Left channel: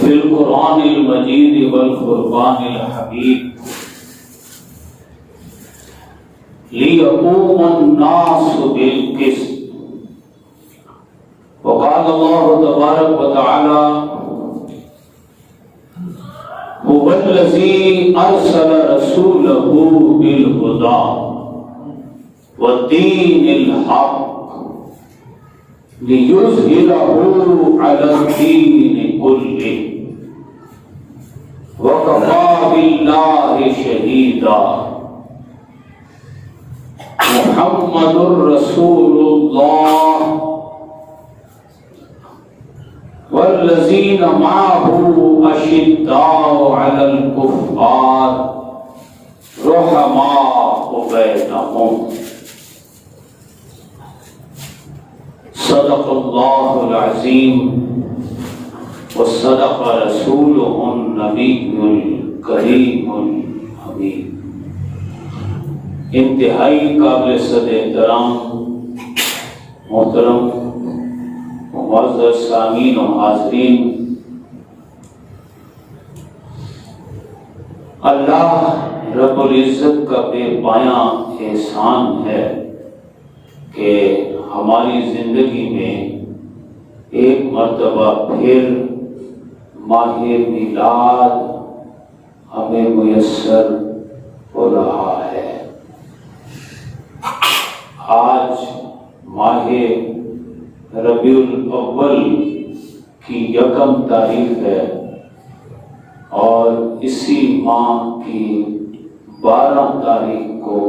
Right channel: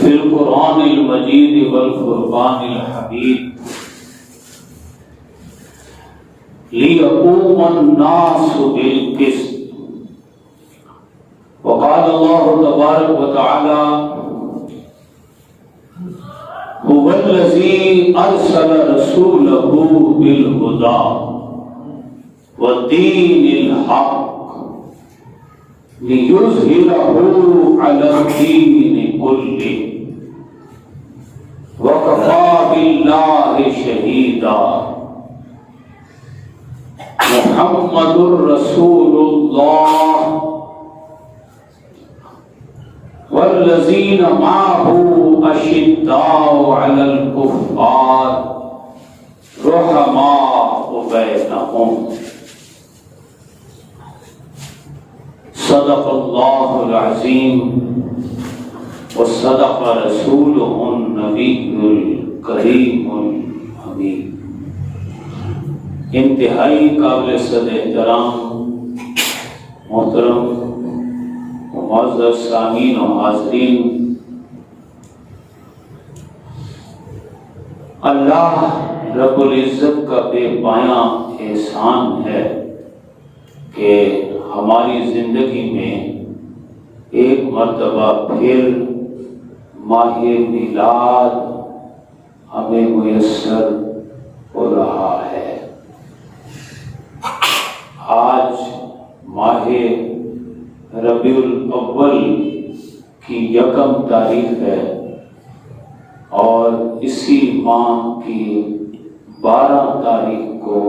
في القرآن المجيد والفرقان الحميد ليقوم الناس بالقسط. وقال الله تبارك وتعالى هو الذي أرسل رسوله بالهدى والدين الحق ليظهره على الدين كله وكفى بالله شهيدا. محمد رسول الله والذين معه أشداء على الكفار رحماء بينهم. صدق الله العظيم وصدق رسوله النبي الكريم الحميد. انتہائی قابل صد احترام محترم معزز سامعین و حاضرین، اللہ رب العزت کا بے پایاں احسان ہے کہ ہماری زندگی میں ایک مرتبہ پھر ماہ میلاد ہمیں میسر ہو رہا ہے۔ آج ماہ ربیع الاول کی 1 تاریخ ہے اور اسی ماہ کی 12 تاریخ کو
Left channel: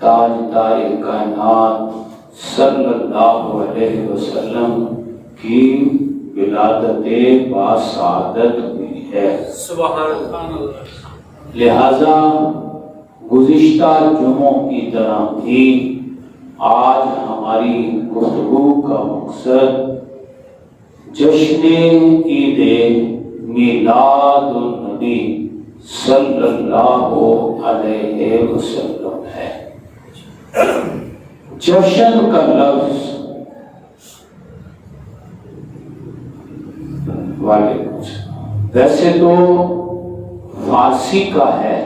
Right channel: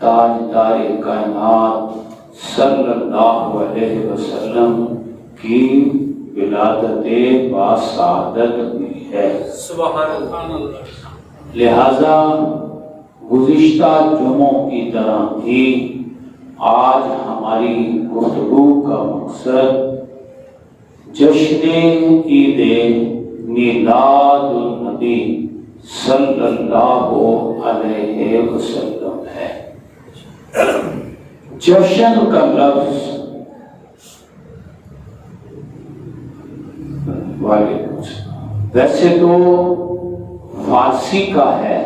تاجدار کائنات صلی اللہ علیہ وسلم کی ولادت باسعادت ہوئی ہے۔ سبحان اللہ۔ لہذا گزشتہ جمعوں کی طرح بھی آج ہماری گفتگو کا مقصد جشن عید میلاد النبی صلی اللہ علیہ وسلم ہے۔ جشن کا لفظ ویسے تو فارسی کا ہے،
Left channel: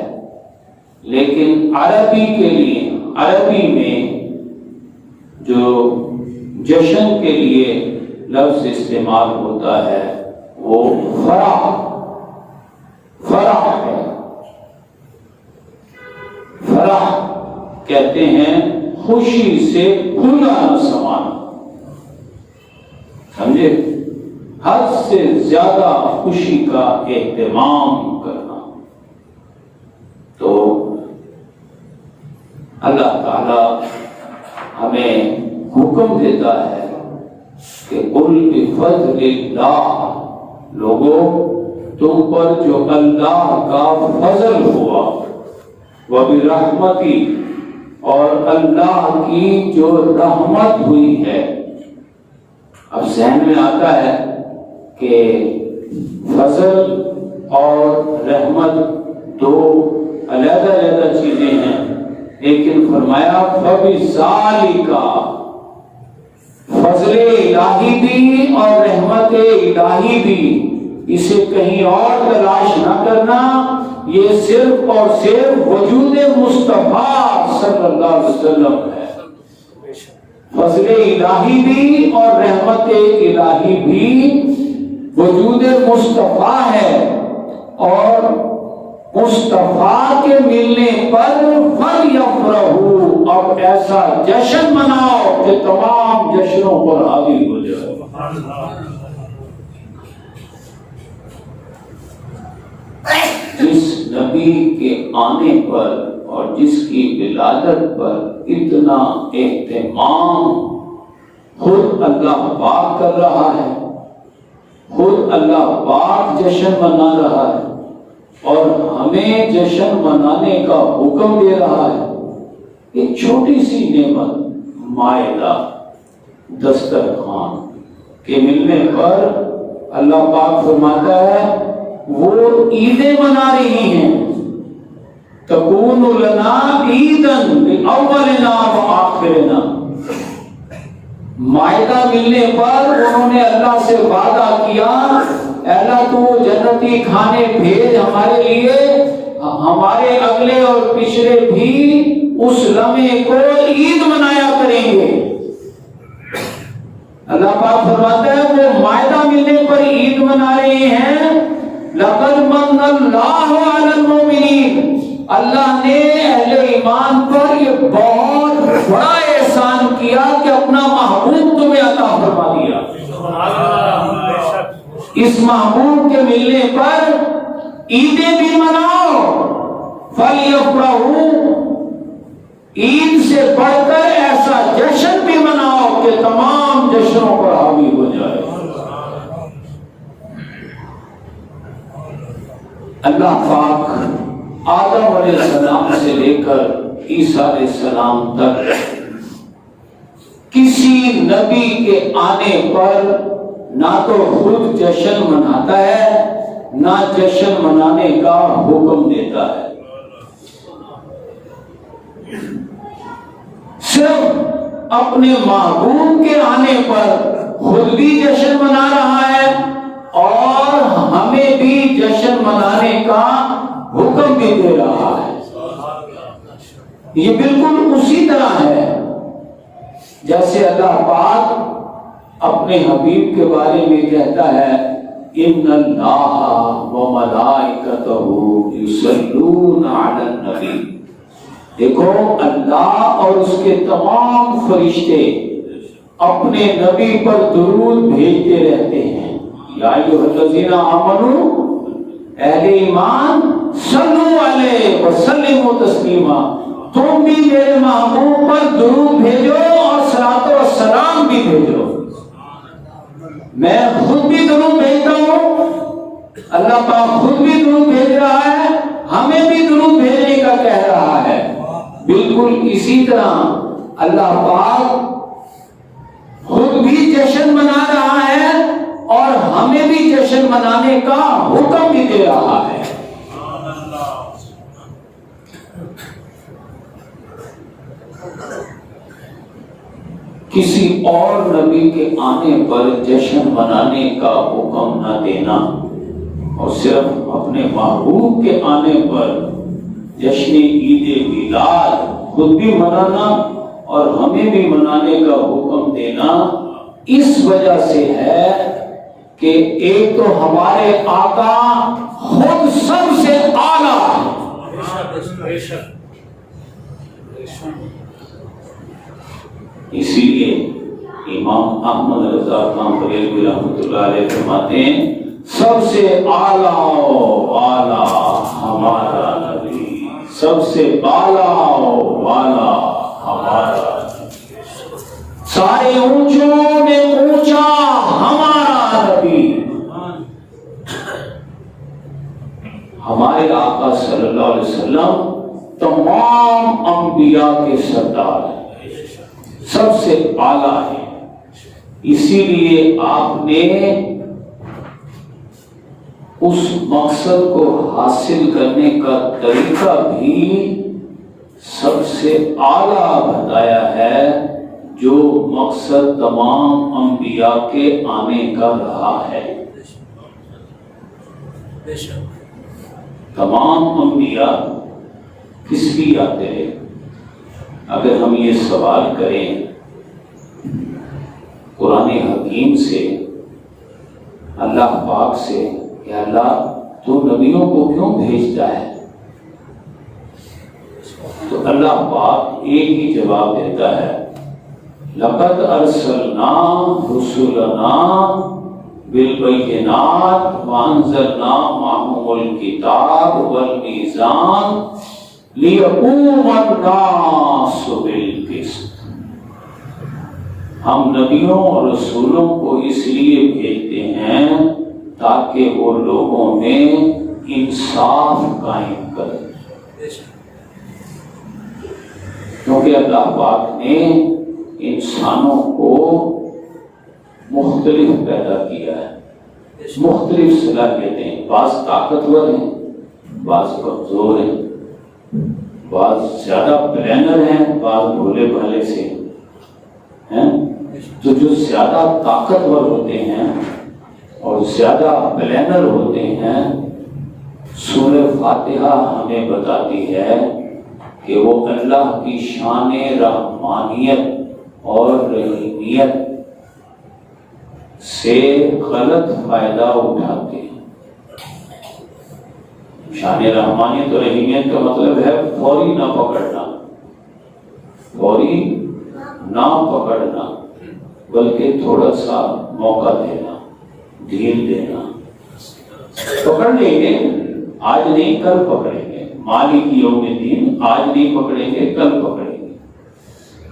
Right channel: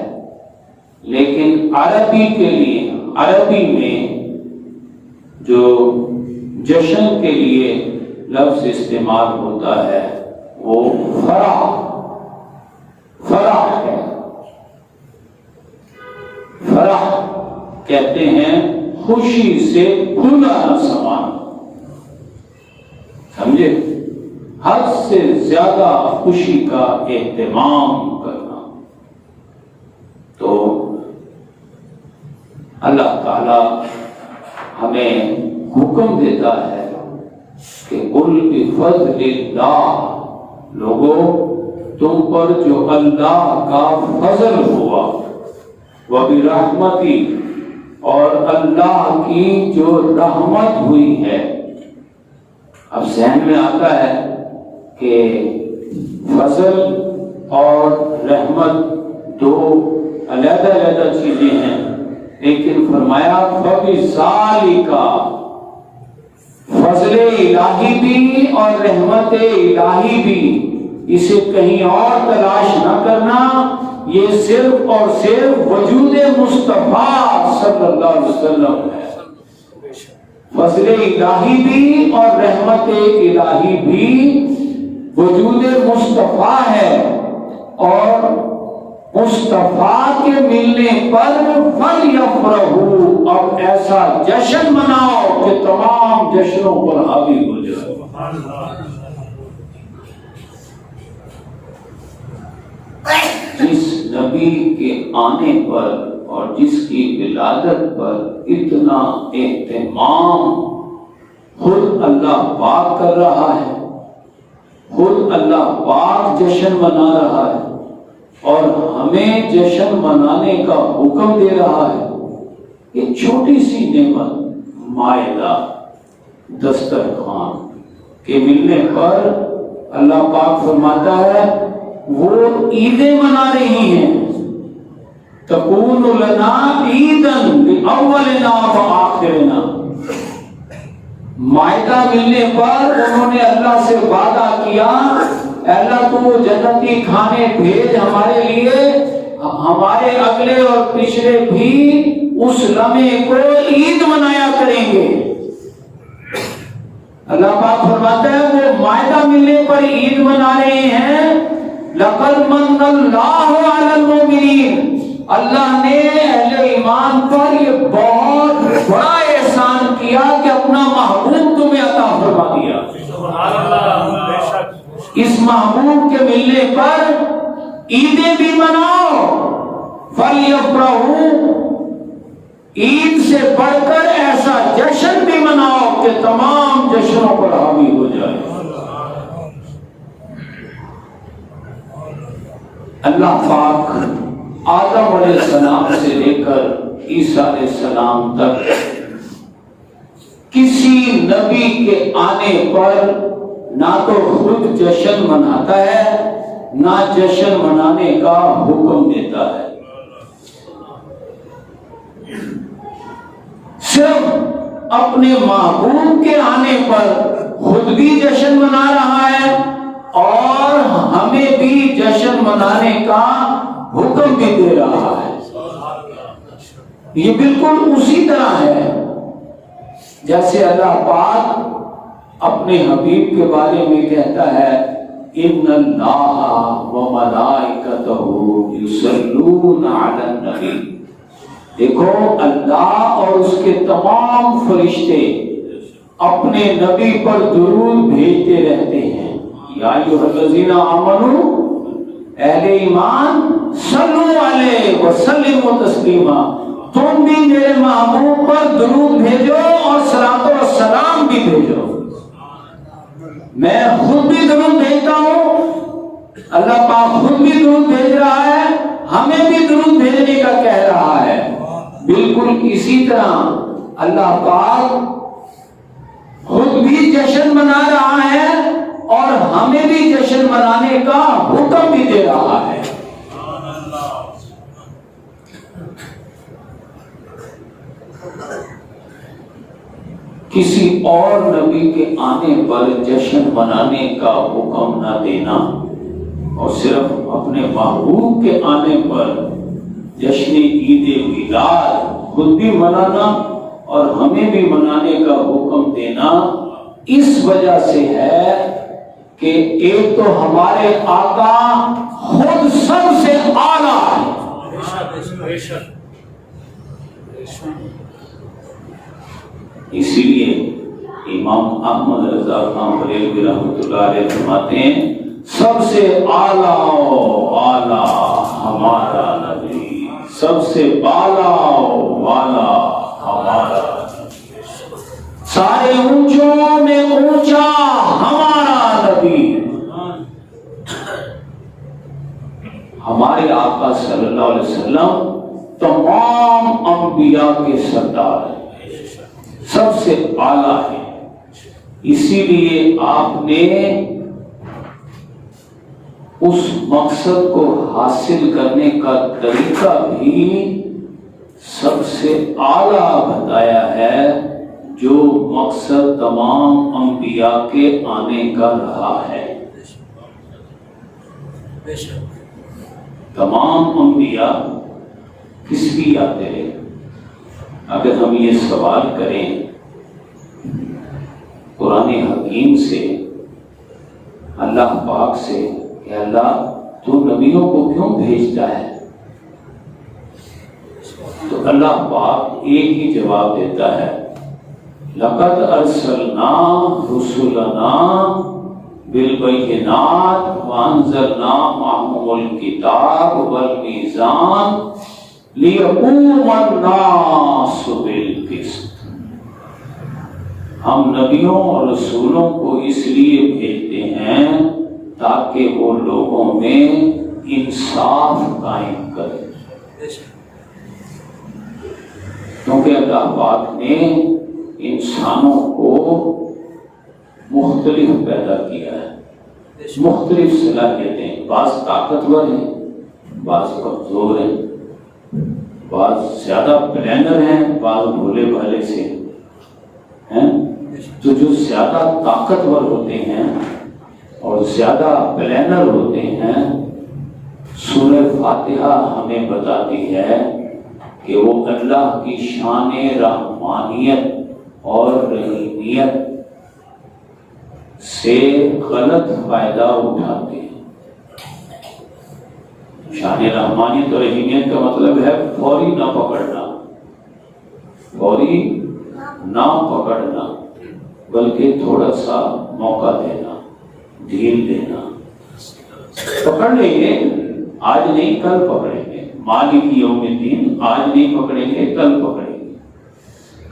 لیکن عربی کے لیے عربی میں جو جشن کے لیے لفظ استعمال ہوتا ہے وہ فرح ہے۔ فرح کہتے ہیں خوشی سے کھلا سامان، سمجھے، حد سے زیادہ خوشی کا اہتمام کرنا۔ تو اللہ تعالی ہمیں حکم دیتا ہے کہ قل بفضل اللہ، لوگوں تم پر جو اللہ کا فضل ہوا، وبرحمتی، اور اللہ کی جو رحمت ہوئی ہے۔ اب ذہن میں آتا ہے کہ فضل اور رحمت دو علیحدہ علیحدہ چیزیں ہیں، لیکن فرمایا فَبِذَالِكَ، فضل الہی بھی اور رحمت الہی بھی، اسے کہیں اور تلاش نہ کرنا، یہ صرف اور صرف وجود مصطفیٰ صلی اللہ علیہ وسلم ہے۔ فضل الہی بھی اور رحمت الہی بھی وجود مصطفیٰ ہے، اور مصطفیٰ کے ملنے پر فَلْيَفْرَحُوا، اب ایسا جشن مناؤ کہ تمام جشنوں پر حاوی ہو جائے۔ جس نبی کے آنے پر اور جس کی ولادت پر اتنا اہتمام خود اللہ پاک کر رہا ہے، خود اللہ پاک جشن منا رہا ہے اور ہمیں جشن منانے کا حکم دے رہا ہے، ایک چھوٹی سی نعمت مائدہ دسترخوان کے ملنے پر اللہ پاک فرماتا ہے وہ عیدیں منا رہی ہیں، تکون لنا عیدن باولنا وآخرنا۔ مائدہ ملنے پر انہوں نے اللہ سے وعدہ کیا اللہ تو جنتی کھانے بھیج ہمارے لیے، ہمارے اگلے اور پچھلے بھی اس لمحے کو عید منایا کریں گے۔ اللہ پاک فرماتا ہے وہ مائدہ ملنے پر عید منا رہے ہیں۔ لقد من اللہ علی المؤمنین، اللہ نے اہل ایمان پر یہ بہت بڑا احسان کیا کہ اپنا محبوب تمہیں عطا فرما دیا۔ اس محبوب کے ملنے پر عیدیں بھی مناؤ، فَلْيَفْرَحُوا، عید سے بڑھ کر ایسا جشن بھی مناؤ کہ تمام جشنوں پر حاوی ہو جائے۔ اللہ پاک آدم علیہ السلام سے لے کر عیسیٰ علیہ السلام تک کسی نبی کے آنے پر نہ تو خود جشن مناتا ہے، نہ جشن منانے کا حکم دیتا ہے، صرف اپنے محبوب کے آنے پر خود بھی جشن منا رہا ہے اور ہمیں بھی جشن منانے کا حکم بھی دے رہا ہے۔ یہ بالکل اسی طرح ہے جیسے اللہ پاک اپنے حبیب کے بارے میں کہتا ہے ان اللہ وملائکتہ یصلون علی النبی۔ دیکھو اللہ اور اس کے تمام فرشتے اپنے نبی پر درود بھیجتے رہتے ہیں۔ یا ایھا الذین آمنوا، اہل ایمان، صلو علیہ وسلموا تسلیما، تم بھی میرے محبوب پر درود بھیجو اور صلاۃ و سلام بھی بھیجو۔ میں خود بھی درود بھیجتا ہوں، اللہ پاک خود بھی درود بھیج رہا ہے، ہمیں بھی درود بھیجنے کا کہہ رہا ہے۔ بالکل اسی طرح اللہ پاک خود بھی جشن منا رہا ہے اور ہمیں بھی جشن منانے کا حکم بھی دے رہا ہے۔ کسی اور نبی کے آنے پر جشن منانے کا حکم نہ دینا اور صرف اپنے محبوب کے آنے پر جشن عید میلاد خود بھی منانا اور ہمیں بھی منانے کا حکم دینا اس وجہ سے ہے کہ ایک تو ہمارے آقا خود سب سے اعلیٰ ہے، اسی لیے امام احمد رضا خان بریلوی رحمۃ اللہ علیہ فرماتے ہیں سب سے اعلیٰ اعلیٰ ہمارا نبی، سب سے بالا والا ہمارا، سارے اونچوں میں اونچا ہمارا نبی۔ ہمارے آقا صلی اللہ علیہ وسلم تمام انبیاء کے سردار ہیں، سب سے اعلیٰ ہے، اسی لیے آپ نے اس مقصد کو حاصل کرنے کا طریقہ بھی سب سے اعلیٰ بتایا ہے، جو مقصد تمام انبیاء کے آنے کا رہا ہے۔ تمام انبیاء کس لیے آتے ہیں؟ اگر ہم یہ سوال کریں قرآن حکیم سے، اللہ پاک سے کہ اللہ تو نبیوں کو کیوں بھیجتا ہے، تو اللہ پاک ایک ہی جواب دیتا ہے لقد ارسلنا رسلنا بالبینات وانزلنا معهم الکتاب والمیزان لیقوم الناس بالقسط۔ ہم نبیوں اور رسولوں کو اس لیے بھیجتے ہیں تاکہ وہ لوگوں میں انصاف قائم کریں، کیونکہ اللہ پاک نے انسانوں کو مختلف پیدا کیا ہے، مختلف صلاحیتیں، بعض طاقتور ہیں، بعض کمزور ہیں، بعض زیادہ پلانر ہیں، بعض بھولے بھالے سے ہیں۔ تو جو زیادہ طاقتور ہوتے ہیں اور زیادہ پلانر ہوتے ہیں، سورہ فاتحہ ہمیں بتاتی ہے کہ وہ اللہ کی شان رحمانیت اور رحیمیت سے غلط فائدہ اٹھاتے ہیں۔ شان رحمانیت اور رحیمیت کا مطلب ہے فوری نہ پکڑنا، فوری نہ پکڑنا، بلکہ تھوڑا سا موقع دینا، ڈھیل دینا۔ پکڑ لیں گے، آج نہیں کل پکڑیں گے، مالک یوم الدین، آج نہیں پکڑیں گے کل پکڑیں گے،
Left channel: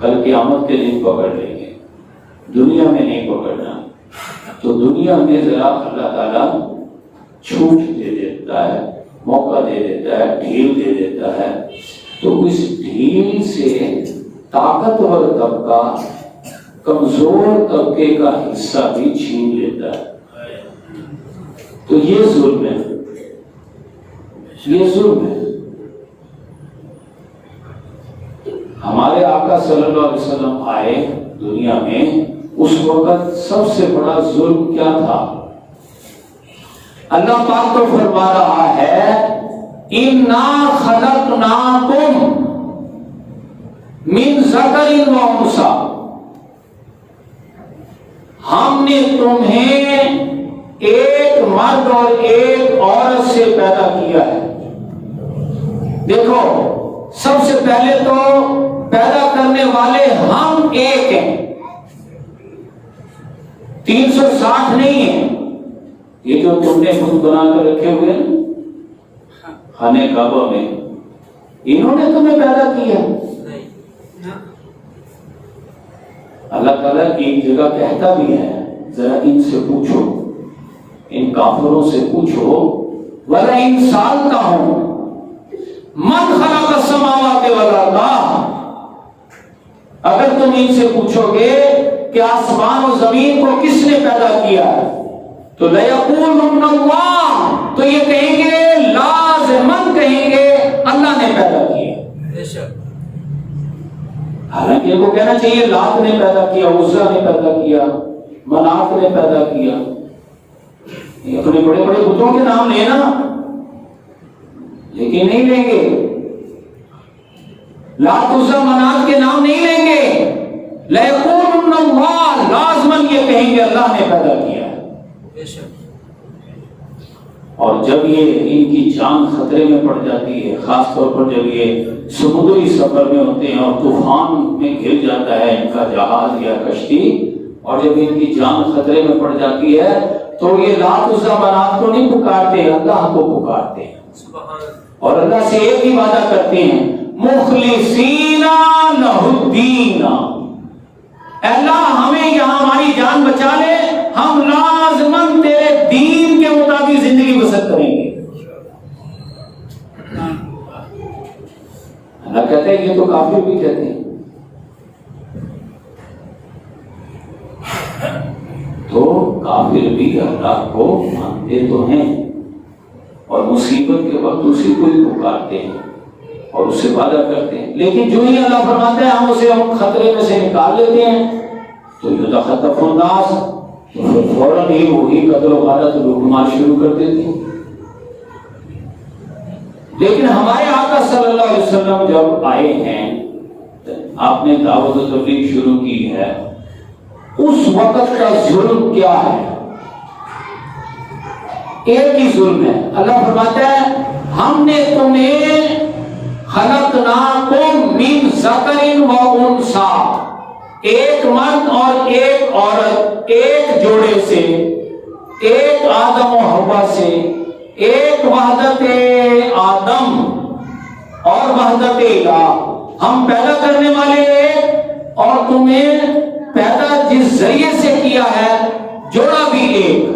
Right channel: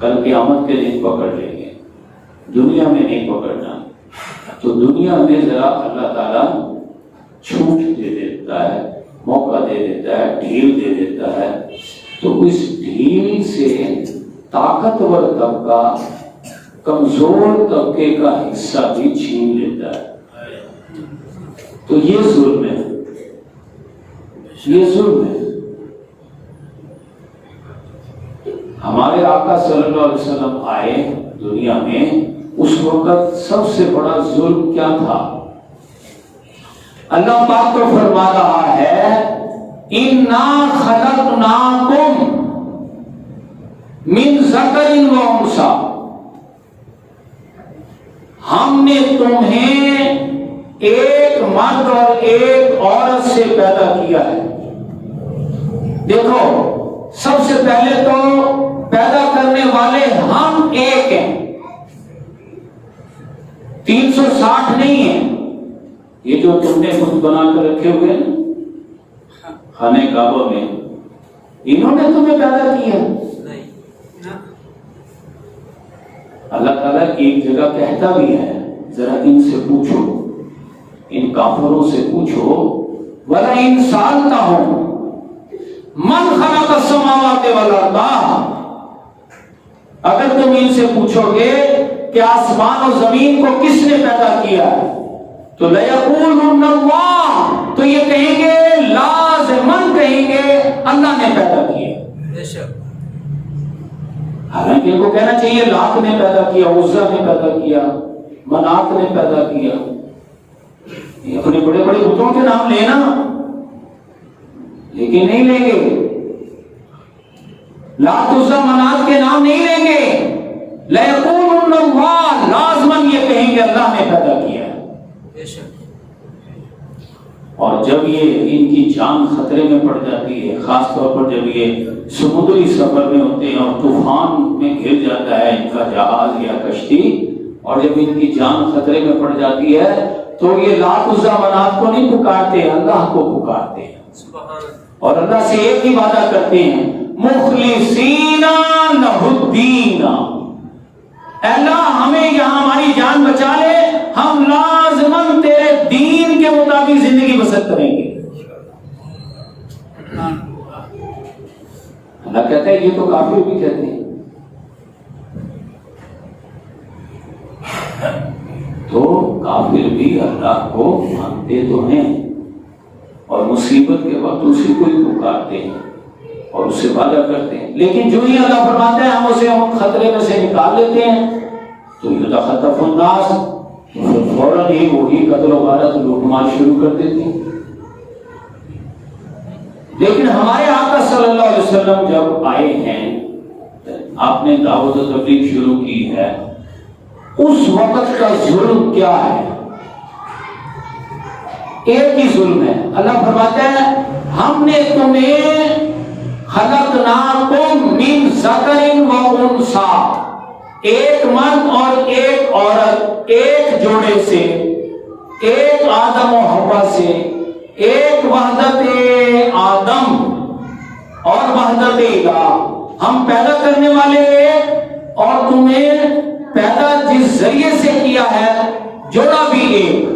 کل قیامت کے دن پکڑ لیں گے، دنیا میں نہیں پکڑنا۔ تو دنیا میں ذرا اللہ تعالیٰ چھوٹ دے دیتا ہے، موقع دے دیتا ہے، ڈھیل دے دیتا ہے، تو اس ڈھیل سے طاقتور طبقہ کمزور طبقے کا حصہ بھی چھین لیتا ہے۔ تو یہ ظلم ہے، یہ ظلم ہے۔ ہمارے آقا صلی اللہ علیہ وسلم آئے دنیا میں، اس وقت سب سے بڑا ظلم کیا تھا؟ اللہ پاک تو فرما رہا ہے اِنَّا خَلَقْنَاكُمْ مِنْ ذَكَرٍ وَأُنثَىٰ، ہم نے تمہیں ایک مرد اور ایک عورت سے پیدا کیا ہے۔ دیکھو، سب سے پہلے تو پیدا کرنے والے ہم ایک ہیں، 360 نہیں ہیں۔ یہ جو تم نے خود بنا کر رکھے ہوئے ہیں خانے کعبہ میں، انہوں نے تمہیں پیدا کیا۔ اللہ تعالیٰ ایک جگہ کہتا بھی ہے، ذرا ان سے پوچھو، ان کافروں سے پوچھو، وَلَئِن سَأَلْتَهُمْ مَنْ خَلَقَ السَّمَاوَاتِ وَالْأَرْضَ، اگر تم ان سے پوچھو گے کہ آسمان و زمین کو کس نے پیدا کیا ہے، تو لَيَقُولُنَّ اللَّهُ، تو یہ کہیں گے، لازماً کہیں گے اللہ نے پیدا کیا۔ حالانکہ ان کو کہنا چاہیے لات نے پیدا کیا، عزا نے پیدا کیا، منات نے پیدا کیا، یہ اپنے بڑے بڑے بتوں کے نام لینا، لیکن نہیں لیں گے، لات عزا منات کے نام نہیں لیں گے۔ لَيَقُولُنَّ اللَّهُ، لازماً یہ کہیں گے اللہ نے پیدا کیا ہے۔ اور جب یہ ان کی جان خطرے میں پڑ جاتی ہے، خاص طور پر جب یہ سمندری سفر میں ہوتے ہیں اور طوفان میں گر جاتا ہے ان کا جہاز یا کشتی، اور جب ان کی جان خطرے میں پڑ جاتی ہے تو یہ لات عزا منات کو نہیں پکارتے، اللہ کو پکارتے ہیں، اور اللہ سے ایک ہی وعدہ کرتے ہیں، مخلصین لہ الدین، اے اللہ ہمیں یہاں ہماری جان بچا لے، ہم لازماً تیرے دین کے مطابق زندگی بسر کریں گے۔ اللہ کہتے ہیں، یہ تو کافر بھی کہتے ہیں۔ تو کافر بھی اللہ کو مانتے تو ہیں، اور مصیبت کے وقت اسی کو ہی پکارتے ہیں اور اس سے وعدہ کرتے ہیں، لیکن جو ہی اللہ فرماتے ہیں ہم اسے ہم خطرے میں سے نکال لیتے ہیں، تو یتخطف الناس، فوراً ہی وہی قتل و غارت لوٹ مار شروع کر دیتے ہیں۔ لیکن ہمارے آقا صلی اللہ علیہ وسلم جب آئے ہیں، آپ نے دعوت و تبلیغ شروع کی ہے، اس وقت کا ظلم کیا ہے؟ ایک ہی ظلم ہے۔ اللہ فرماتا ہے ہم نے تمہیں خلقناکم من ذکر و انثیٰ، ایک مرد اور ایک عورت، ایک جوڑے سے، ایک آدم و حوا سے، ایک وحدت آدم اور وحدت الہ، ہم پیدا کرنے والے ایک، اور تمہیں پیدا جس ذریعے سے کیا ہے جوڑا بھی ایک۔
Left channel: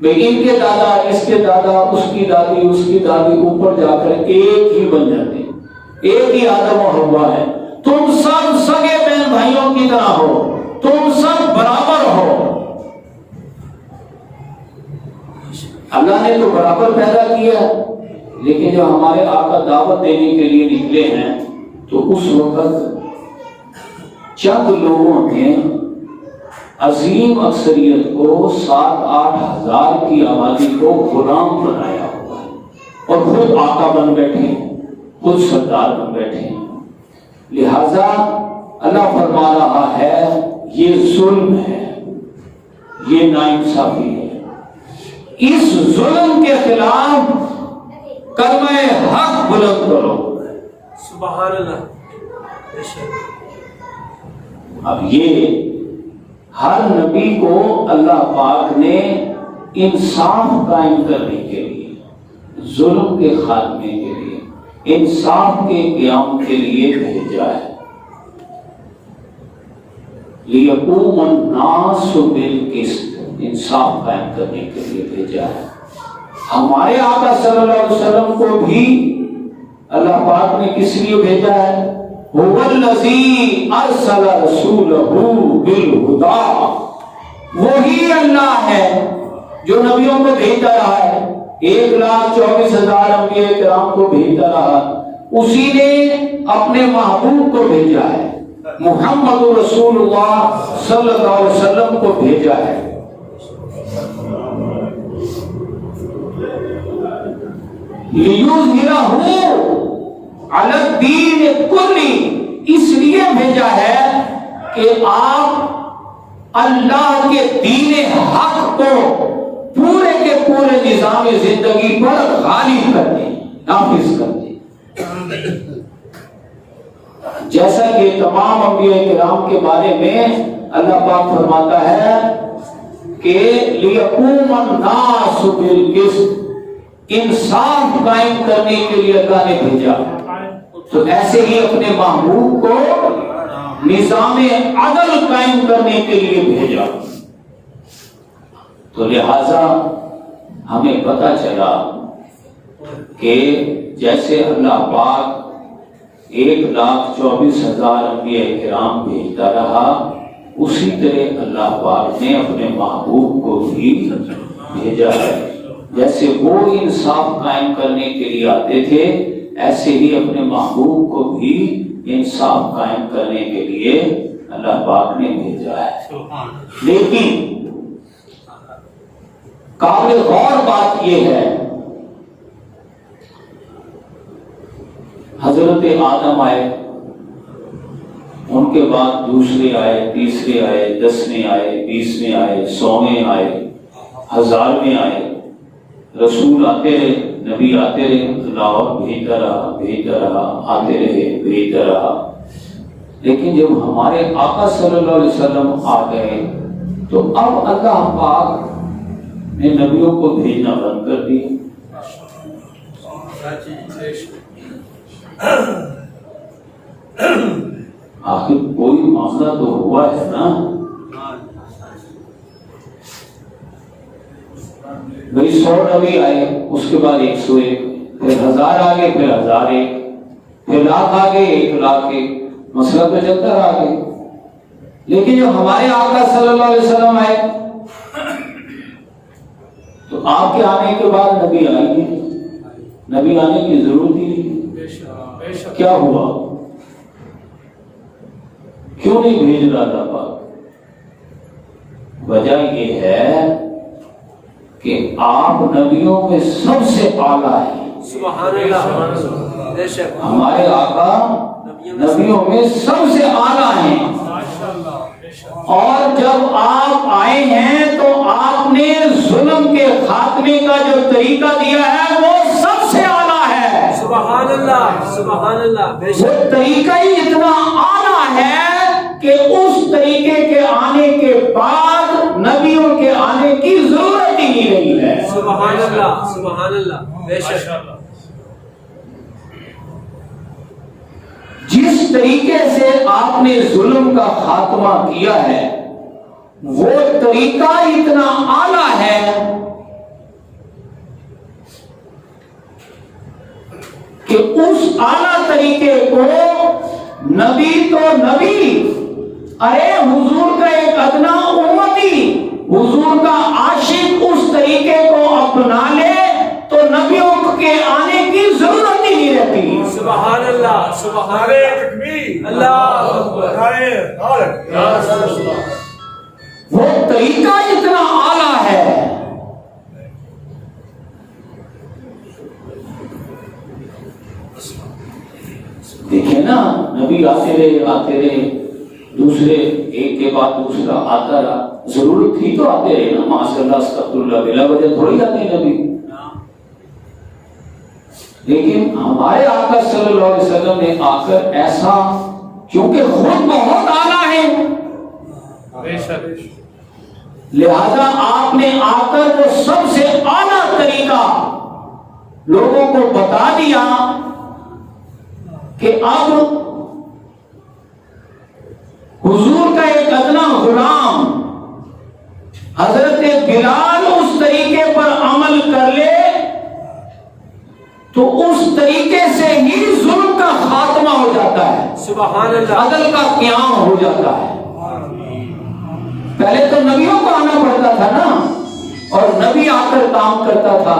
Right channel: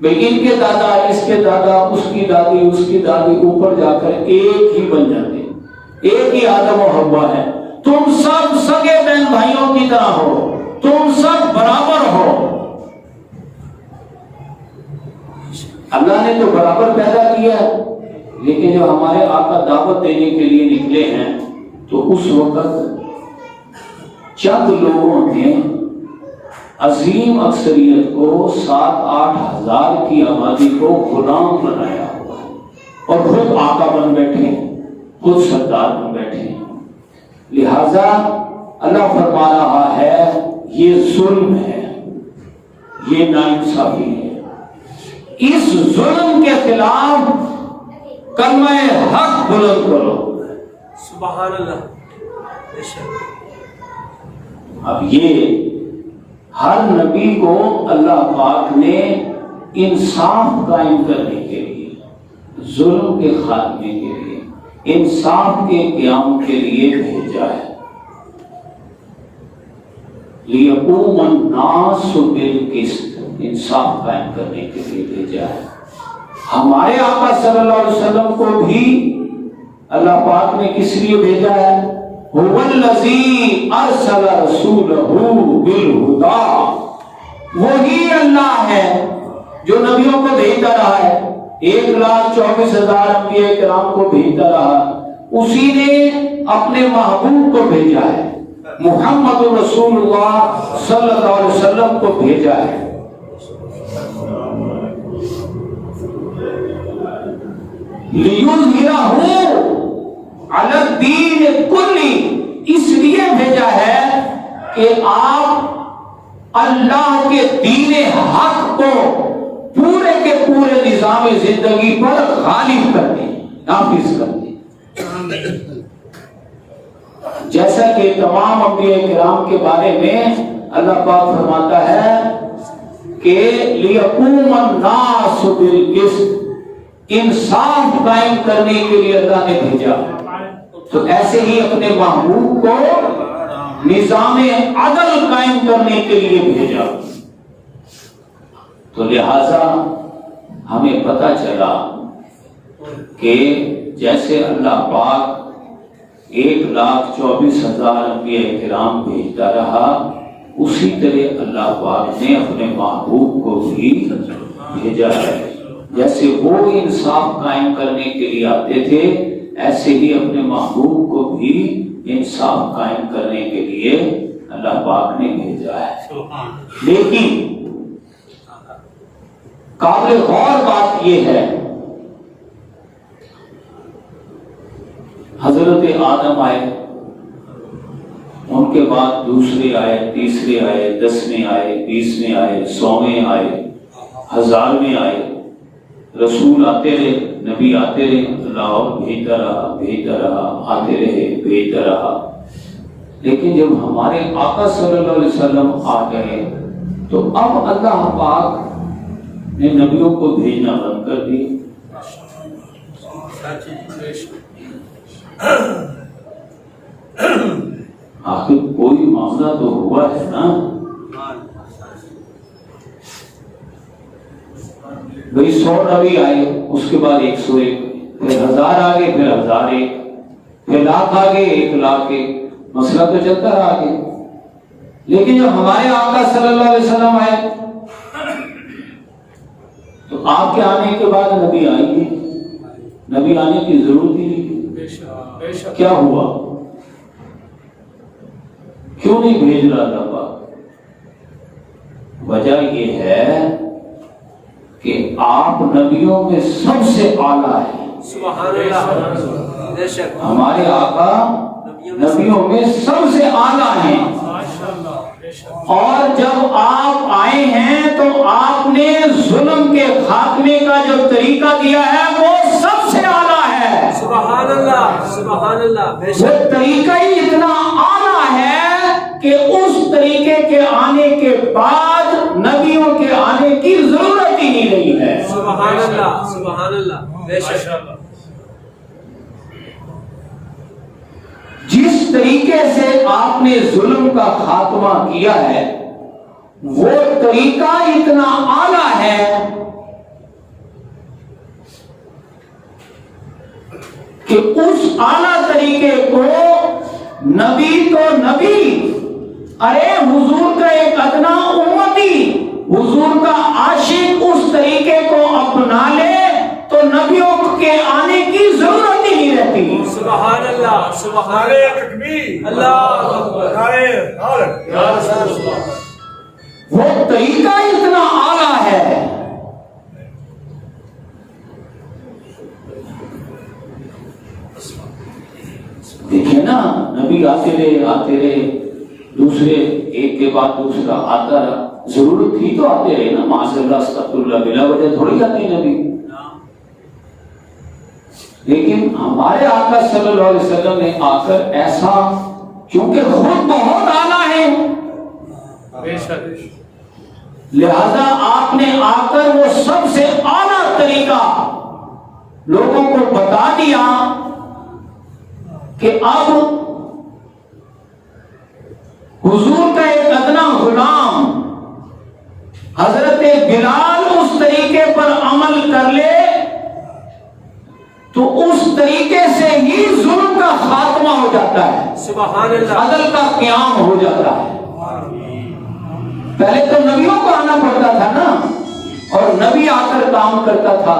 بھئی ان کے دادا، اس کے دادا، اس کی دادی، اس کی دادی، اوپر جا کر ایک ہی بن جاتے ہیں، ایک ہی آدم و حوا ہے۔ تم سب سگے بہن بھائیوں کی طرح ہو، تم سب برابر ہو۔ اللہ نے تو برابر پیدا کیا، لیکن جب ہمارے آقا دعوت دینے کے لیے نکلے ہیں تو اس وقت چند لوگوں نے عظیم اکثریت کو 7-8 ہزار کی آبادی کو غلام بنایا ہوا ہے اور خود آقا بن بیٹھے ہیں، خود سردار بن بیٹھے ہیں۔ لہذا اللہ فرما رہا ہے یہ ظلم ہے، یہ ناانصافی ہے۔ اس ظلم کے خلاف کلمہ حق بلند کرو۔ سبحان اللہ۔ اب یہ ہر نبی کو اللہ پاک نے انصاف قائم کرنے کے لیے، ظلم کے خاتمے کے لیے، انصاف کے قیام کے لیے بھیجا ہے۔ لِيَقُومَ النَّاسُ بِالْقِسْطِ، انصاف قائم کرنے کے لیے بھیجا ہے۔ ہمارے آقا صلی اللہ علیہ وسلم کو بھی اللہ پاک نے کس لیے بھیجا ہے؟ هُوَ الَّذِي أَرْسَلَ رَسُولَهُ بِالْهُدَى، وہی اللہ ہے جو نبیوں کو بھیجتا رہا ہے، 1,24,000 انبیاء کرام کو بھیجتا رہا، اسی نے اپنے محبوب کو بھیجا ہے، محمد رسول اللہ صلی اللہ علیہ وسلم کو بھیجا ہے۔ لِيُظْهِرَهُ عَلَى الدِّينِ كُلِّهِ، اس لیے بھیجا ہے کہ آپ اللہ کے دین حق کو پورے کے پورے نظام زندگی پر غالب کر دیں، نافذ کر دیں۔ جیسا کہ تمام انبیاء کرام کے بارے میں اللہ پاک فرماتا ہے کہ لِيَقُومَ النَّاسُ بِالْقِسْطِ، انصاف قائم کرنے کے لیے اللہ نے بھیجا، تو ایسے ہی اپنے محبوب کو نظام عدل قائم کرنے کے لیے بھیجا۔ تو لہذا ہمیں پتہ چلا کہ جیسے اللہ پاک 1,24,000 انبیاء کرام بھیجتا رہا، اسی طرح اللہ پاک نے اپنے محبوب کو بھی بھیجا ہے۔ جیسے وہ انصاف قائم کرنے کے لیے آتے تھے، ایسے ہی اپنے محبوب کو بھی انصاف قائم کرنے کے لیے اللہ پاک نے بھیجا ہے۔ لیکن قابل غور بات یہ ہے، حضرت آدم آئے، ان کے بعد دوسرے آئے، تیسرے آئے، 10ویں آئے، 20ویں آئے، 100ویں آئے، 1000ویں آئے، رسول آتے رہے، نبی آتے رہے، اللہ اور بھیجتا رہا، آتے رہے، بھیجتا رہا۔ لیکن جب ہمارے آقا صلی اللہ علیہ وسلم آ گئے تو اب اللہ پاک نے نبیوں کو بھیجنا بند کر دی۔ آخر کوئی معاملہ تو ہوا ہے نا، بھئی 100 نبی آئے، اس کے بعد 101، پھر 1000 آگے، پھر 1001، پھر 1,00,000 آگے، 1,00,001، مسئلہ تو چلتا رہا آگے۔ لیکن جب ہمارے آقا صلی اللہ علیہ وسلم آئے تو آپ کے آنے کے بعد نبی آئے گے، نبی آنے کی ضرورت ہی نہیں۔ کیا ہوا؟ کیوں نہیں بھیج رہا تھا پاک؟ وجہ یہ ہے کہ آپ نبیوں میں سب سے اعلیٰ ہیں۔ سبحان اللہ۔ بے شک ہمارے آقا نبیوں میں سب سے اعلیٰ ہیں، اور جب آپ آئے ہیں تو آپ نے ظلم کے خاتمے کا جو طریقہ دیا ہے وہ سب سے اعلیٰ ہے۔ سبحان اللہ، سبحان اللہ۔ بے وہ شک طریقہ ہی اتنا اعلیٰ ہے کہ اس طریقے کے آنے کے بعد نبیوں کے آنے کی ضرورت ہی نہیں رہی ہے۔ سبحان اللہ، سبحان اللہ۔ بے شک جس طریقے سے آپ نے ظلم کا خاتمہ کیا ہے وہ طریقہ اتنا اعلیٰ ہے کہ اس اعلیٰ طریقے کو نبی تو نبی، ارے حضور کا ایک ادنا امتی، حضور کا عاشق اس طریقے کو اپنا لے تو نبیوں کے آنے کی ضرورت ہی نہیں رہتی۔ سبحان اللہ، سبحان اللہ، اللہ اکبر۔ وہ طریقہ اتنا اعلیٰ ہے. دیکھیں نا نبی آتے رہے دوسرے ایک کے بعد دوسرا آتا رہا. ضرورت تھی تو آتے رہے نا. معاذ اللہ استغفر اللہ، بلا وجہ تھوڑی آتے نبی. لیکن ہمارے آقا صلی اللہ علیہ وسلم نے آ کر ایسا، کیونکہ خود بہت اعلیٰ ہے، لہذا آپ نے آ کر وہ سب سے اعلیٰ طریقہ لوگوں کو بتا دیا کہ اب حضور کا ایک ادنا غلام حضرت بلال اس طریقے پر عمل کر لے تو اس طریقے سے ہی ظلم کا خاتمہ ہو جاتا ہے، سبحان اللہ، عدل کا قیام ہو جاتا ہے. پہلے تو نبیوں کو آنا پڑتا تھا نا، اور نبی آ کر کام کرتا تھا،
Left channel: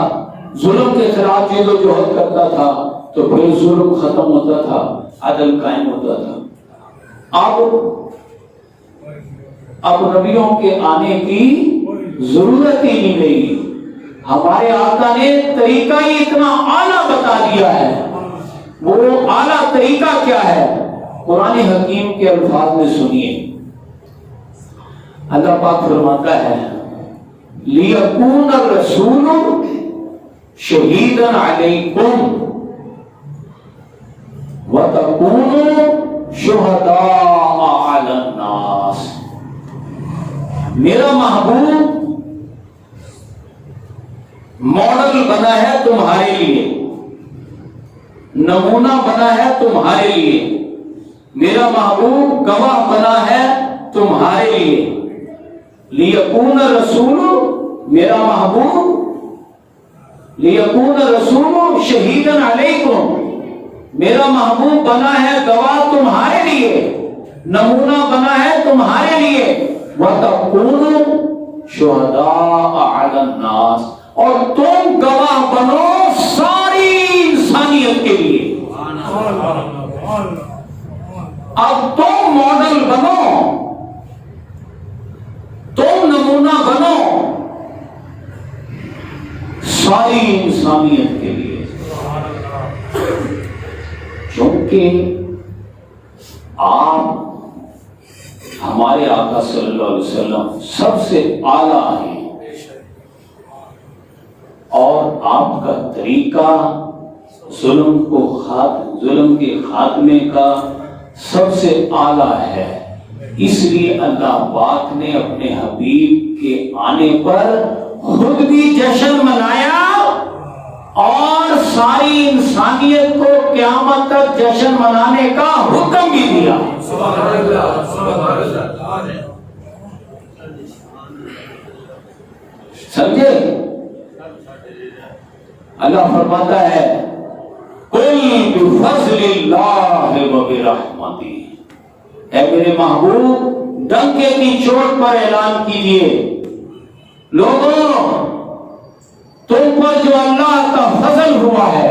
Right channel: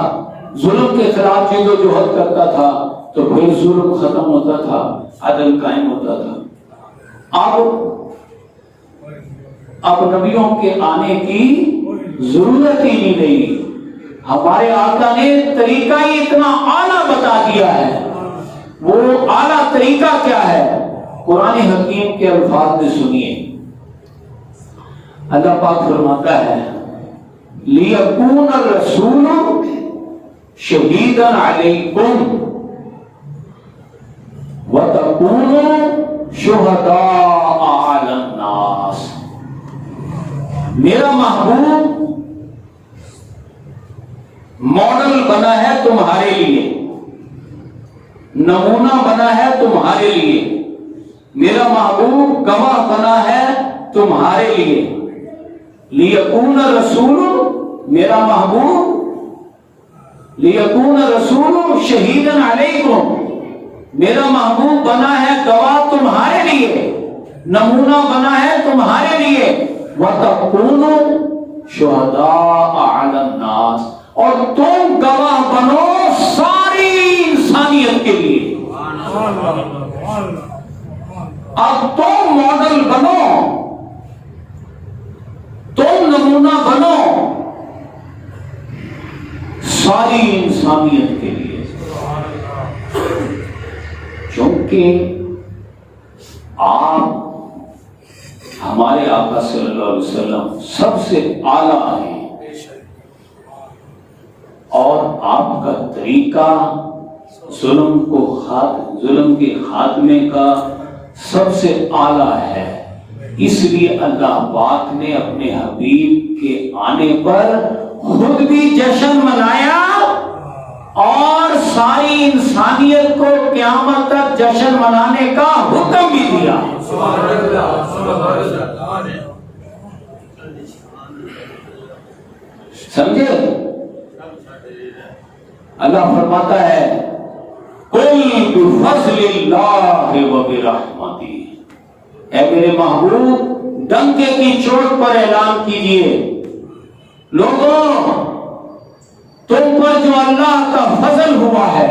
ظلم کے خلاف جد و جہد کرتا تھا، تو پھر ظلم ختم ہوتا تھا، عدل قائم ہوتا تھا. اب نبیوں کے آنے کی ضرورت ہی نہیں رہی. ہمارے آقا نے طریقہ ہی اتنا اعلیٰ بتا دیا ہے. وہ اعلیٰ طریقہ کیا ہے؟ قرآن حکیم کے الفاظ میں سنیے. اللہ پاک فرماتا ہے لِيَكُونَ الرَّسُولُ شَهِيدًا عَلَيْكُمْ وَتَكُونُوا شُهَدَاءَ عَلَى النَّاسِ. میرا محبوب ماڈل بنا ہے تمہارے لیے، نمونہ بنا ہے تمہارے لیے. میرا محبوب گواہ بنا ہے تمہارے لیے. لِيَكُونَ الرَّسُولُ، میرا محبوب لِيَكُونَ الرَّسُولُ شَهِيدًا عَلَيْكُمْ، میرا محبوب بنا ہے گواہ تمہارے لیے، نمونہ بنا ہے تمہارے لیے. وَتَكُونُوا شُهَدَاءَ عَلَى النَّاسِ، اور تم گواہ بنو ساری انسانیت کے لیے. اب تم ماڈل بنو، تم نمونہ بنو ساری انسانیت کے لیے. چونکہ آپ ہمارے آقا صلی اللہ علیہ وسلم سب سے اعلیٰ ہیں، اور آپ کا طریقہ ظلم کے خاتمے کا سب سے اعلیٰ ہے. اس لیے اللہ پاک نے اپنے حبیب کے آنے پر خود بھی جشن منایا اور ساری انسانیت کو قیامت تک جشن منانے کا حکم بھی دیا. سبحان اللہ، سبحان اللہ. سمجھے؟ اللہ فرماتا ہے قُلْ بِفَضْلِ اللَّهِ وَبِرَحْمَتِهِ، اے میرے محبوب ڈنکے کی چوٹ پر اعلان کیجئے، لوگوں تم پر جو اللہ کا فضل ہوا ہے،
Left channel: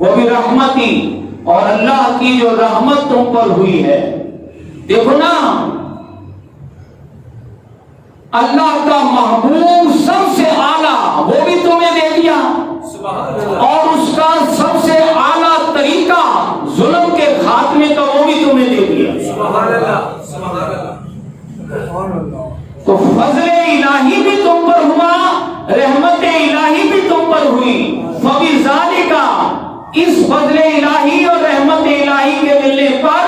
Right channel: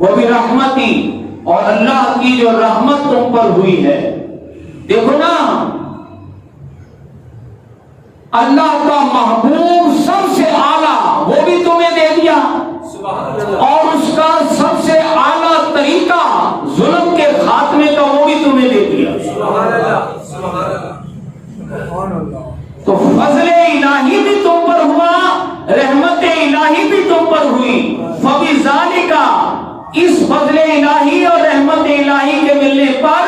وَبِرَحْمَتِهِ، اور اللہ کی جو رحمت تم پر ہوئی ہے. دیکھو نا، اللہ کا محبوب سب سے اعلیٰ وہ بھی تمہیں دے دیا، اور اس کا سب سے اعلیٰ طریقہ ظلم کے خاتمے کا وہ بھی تمہیں دے دیا. تو فضل الہی بھی تم پر ہوا، رحمت الہی بھی تم پر ہوئی. فَبِذَالِكَ، اس فضل الہی اور رحمت الہی کے ملنے پر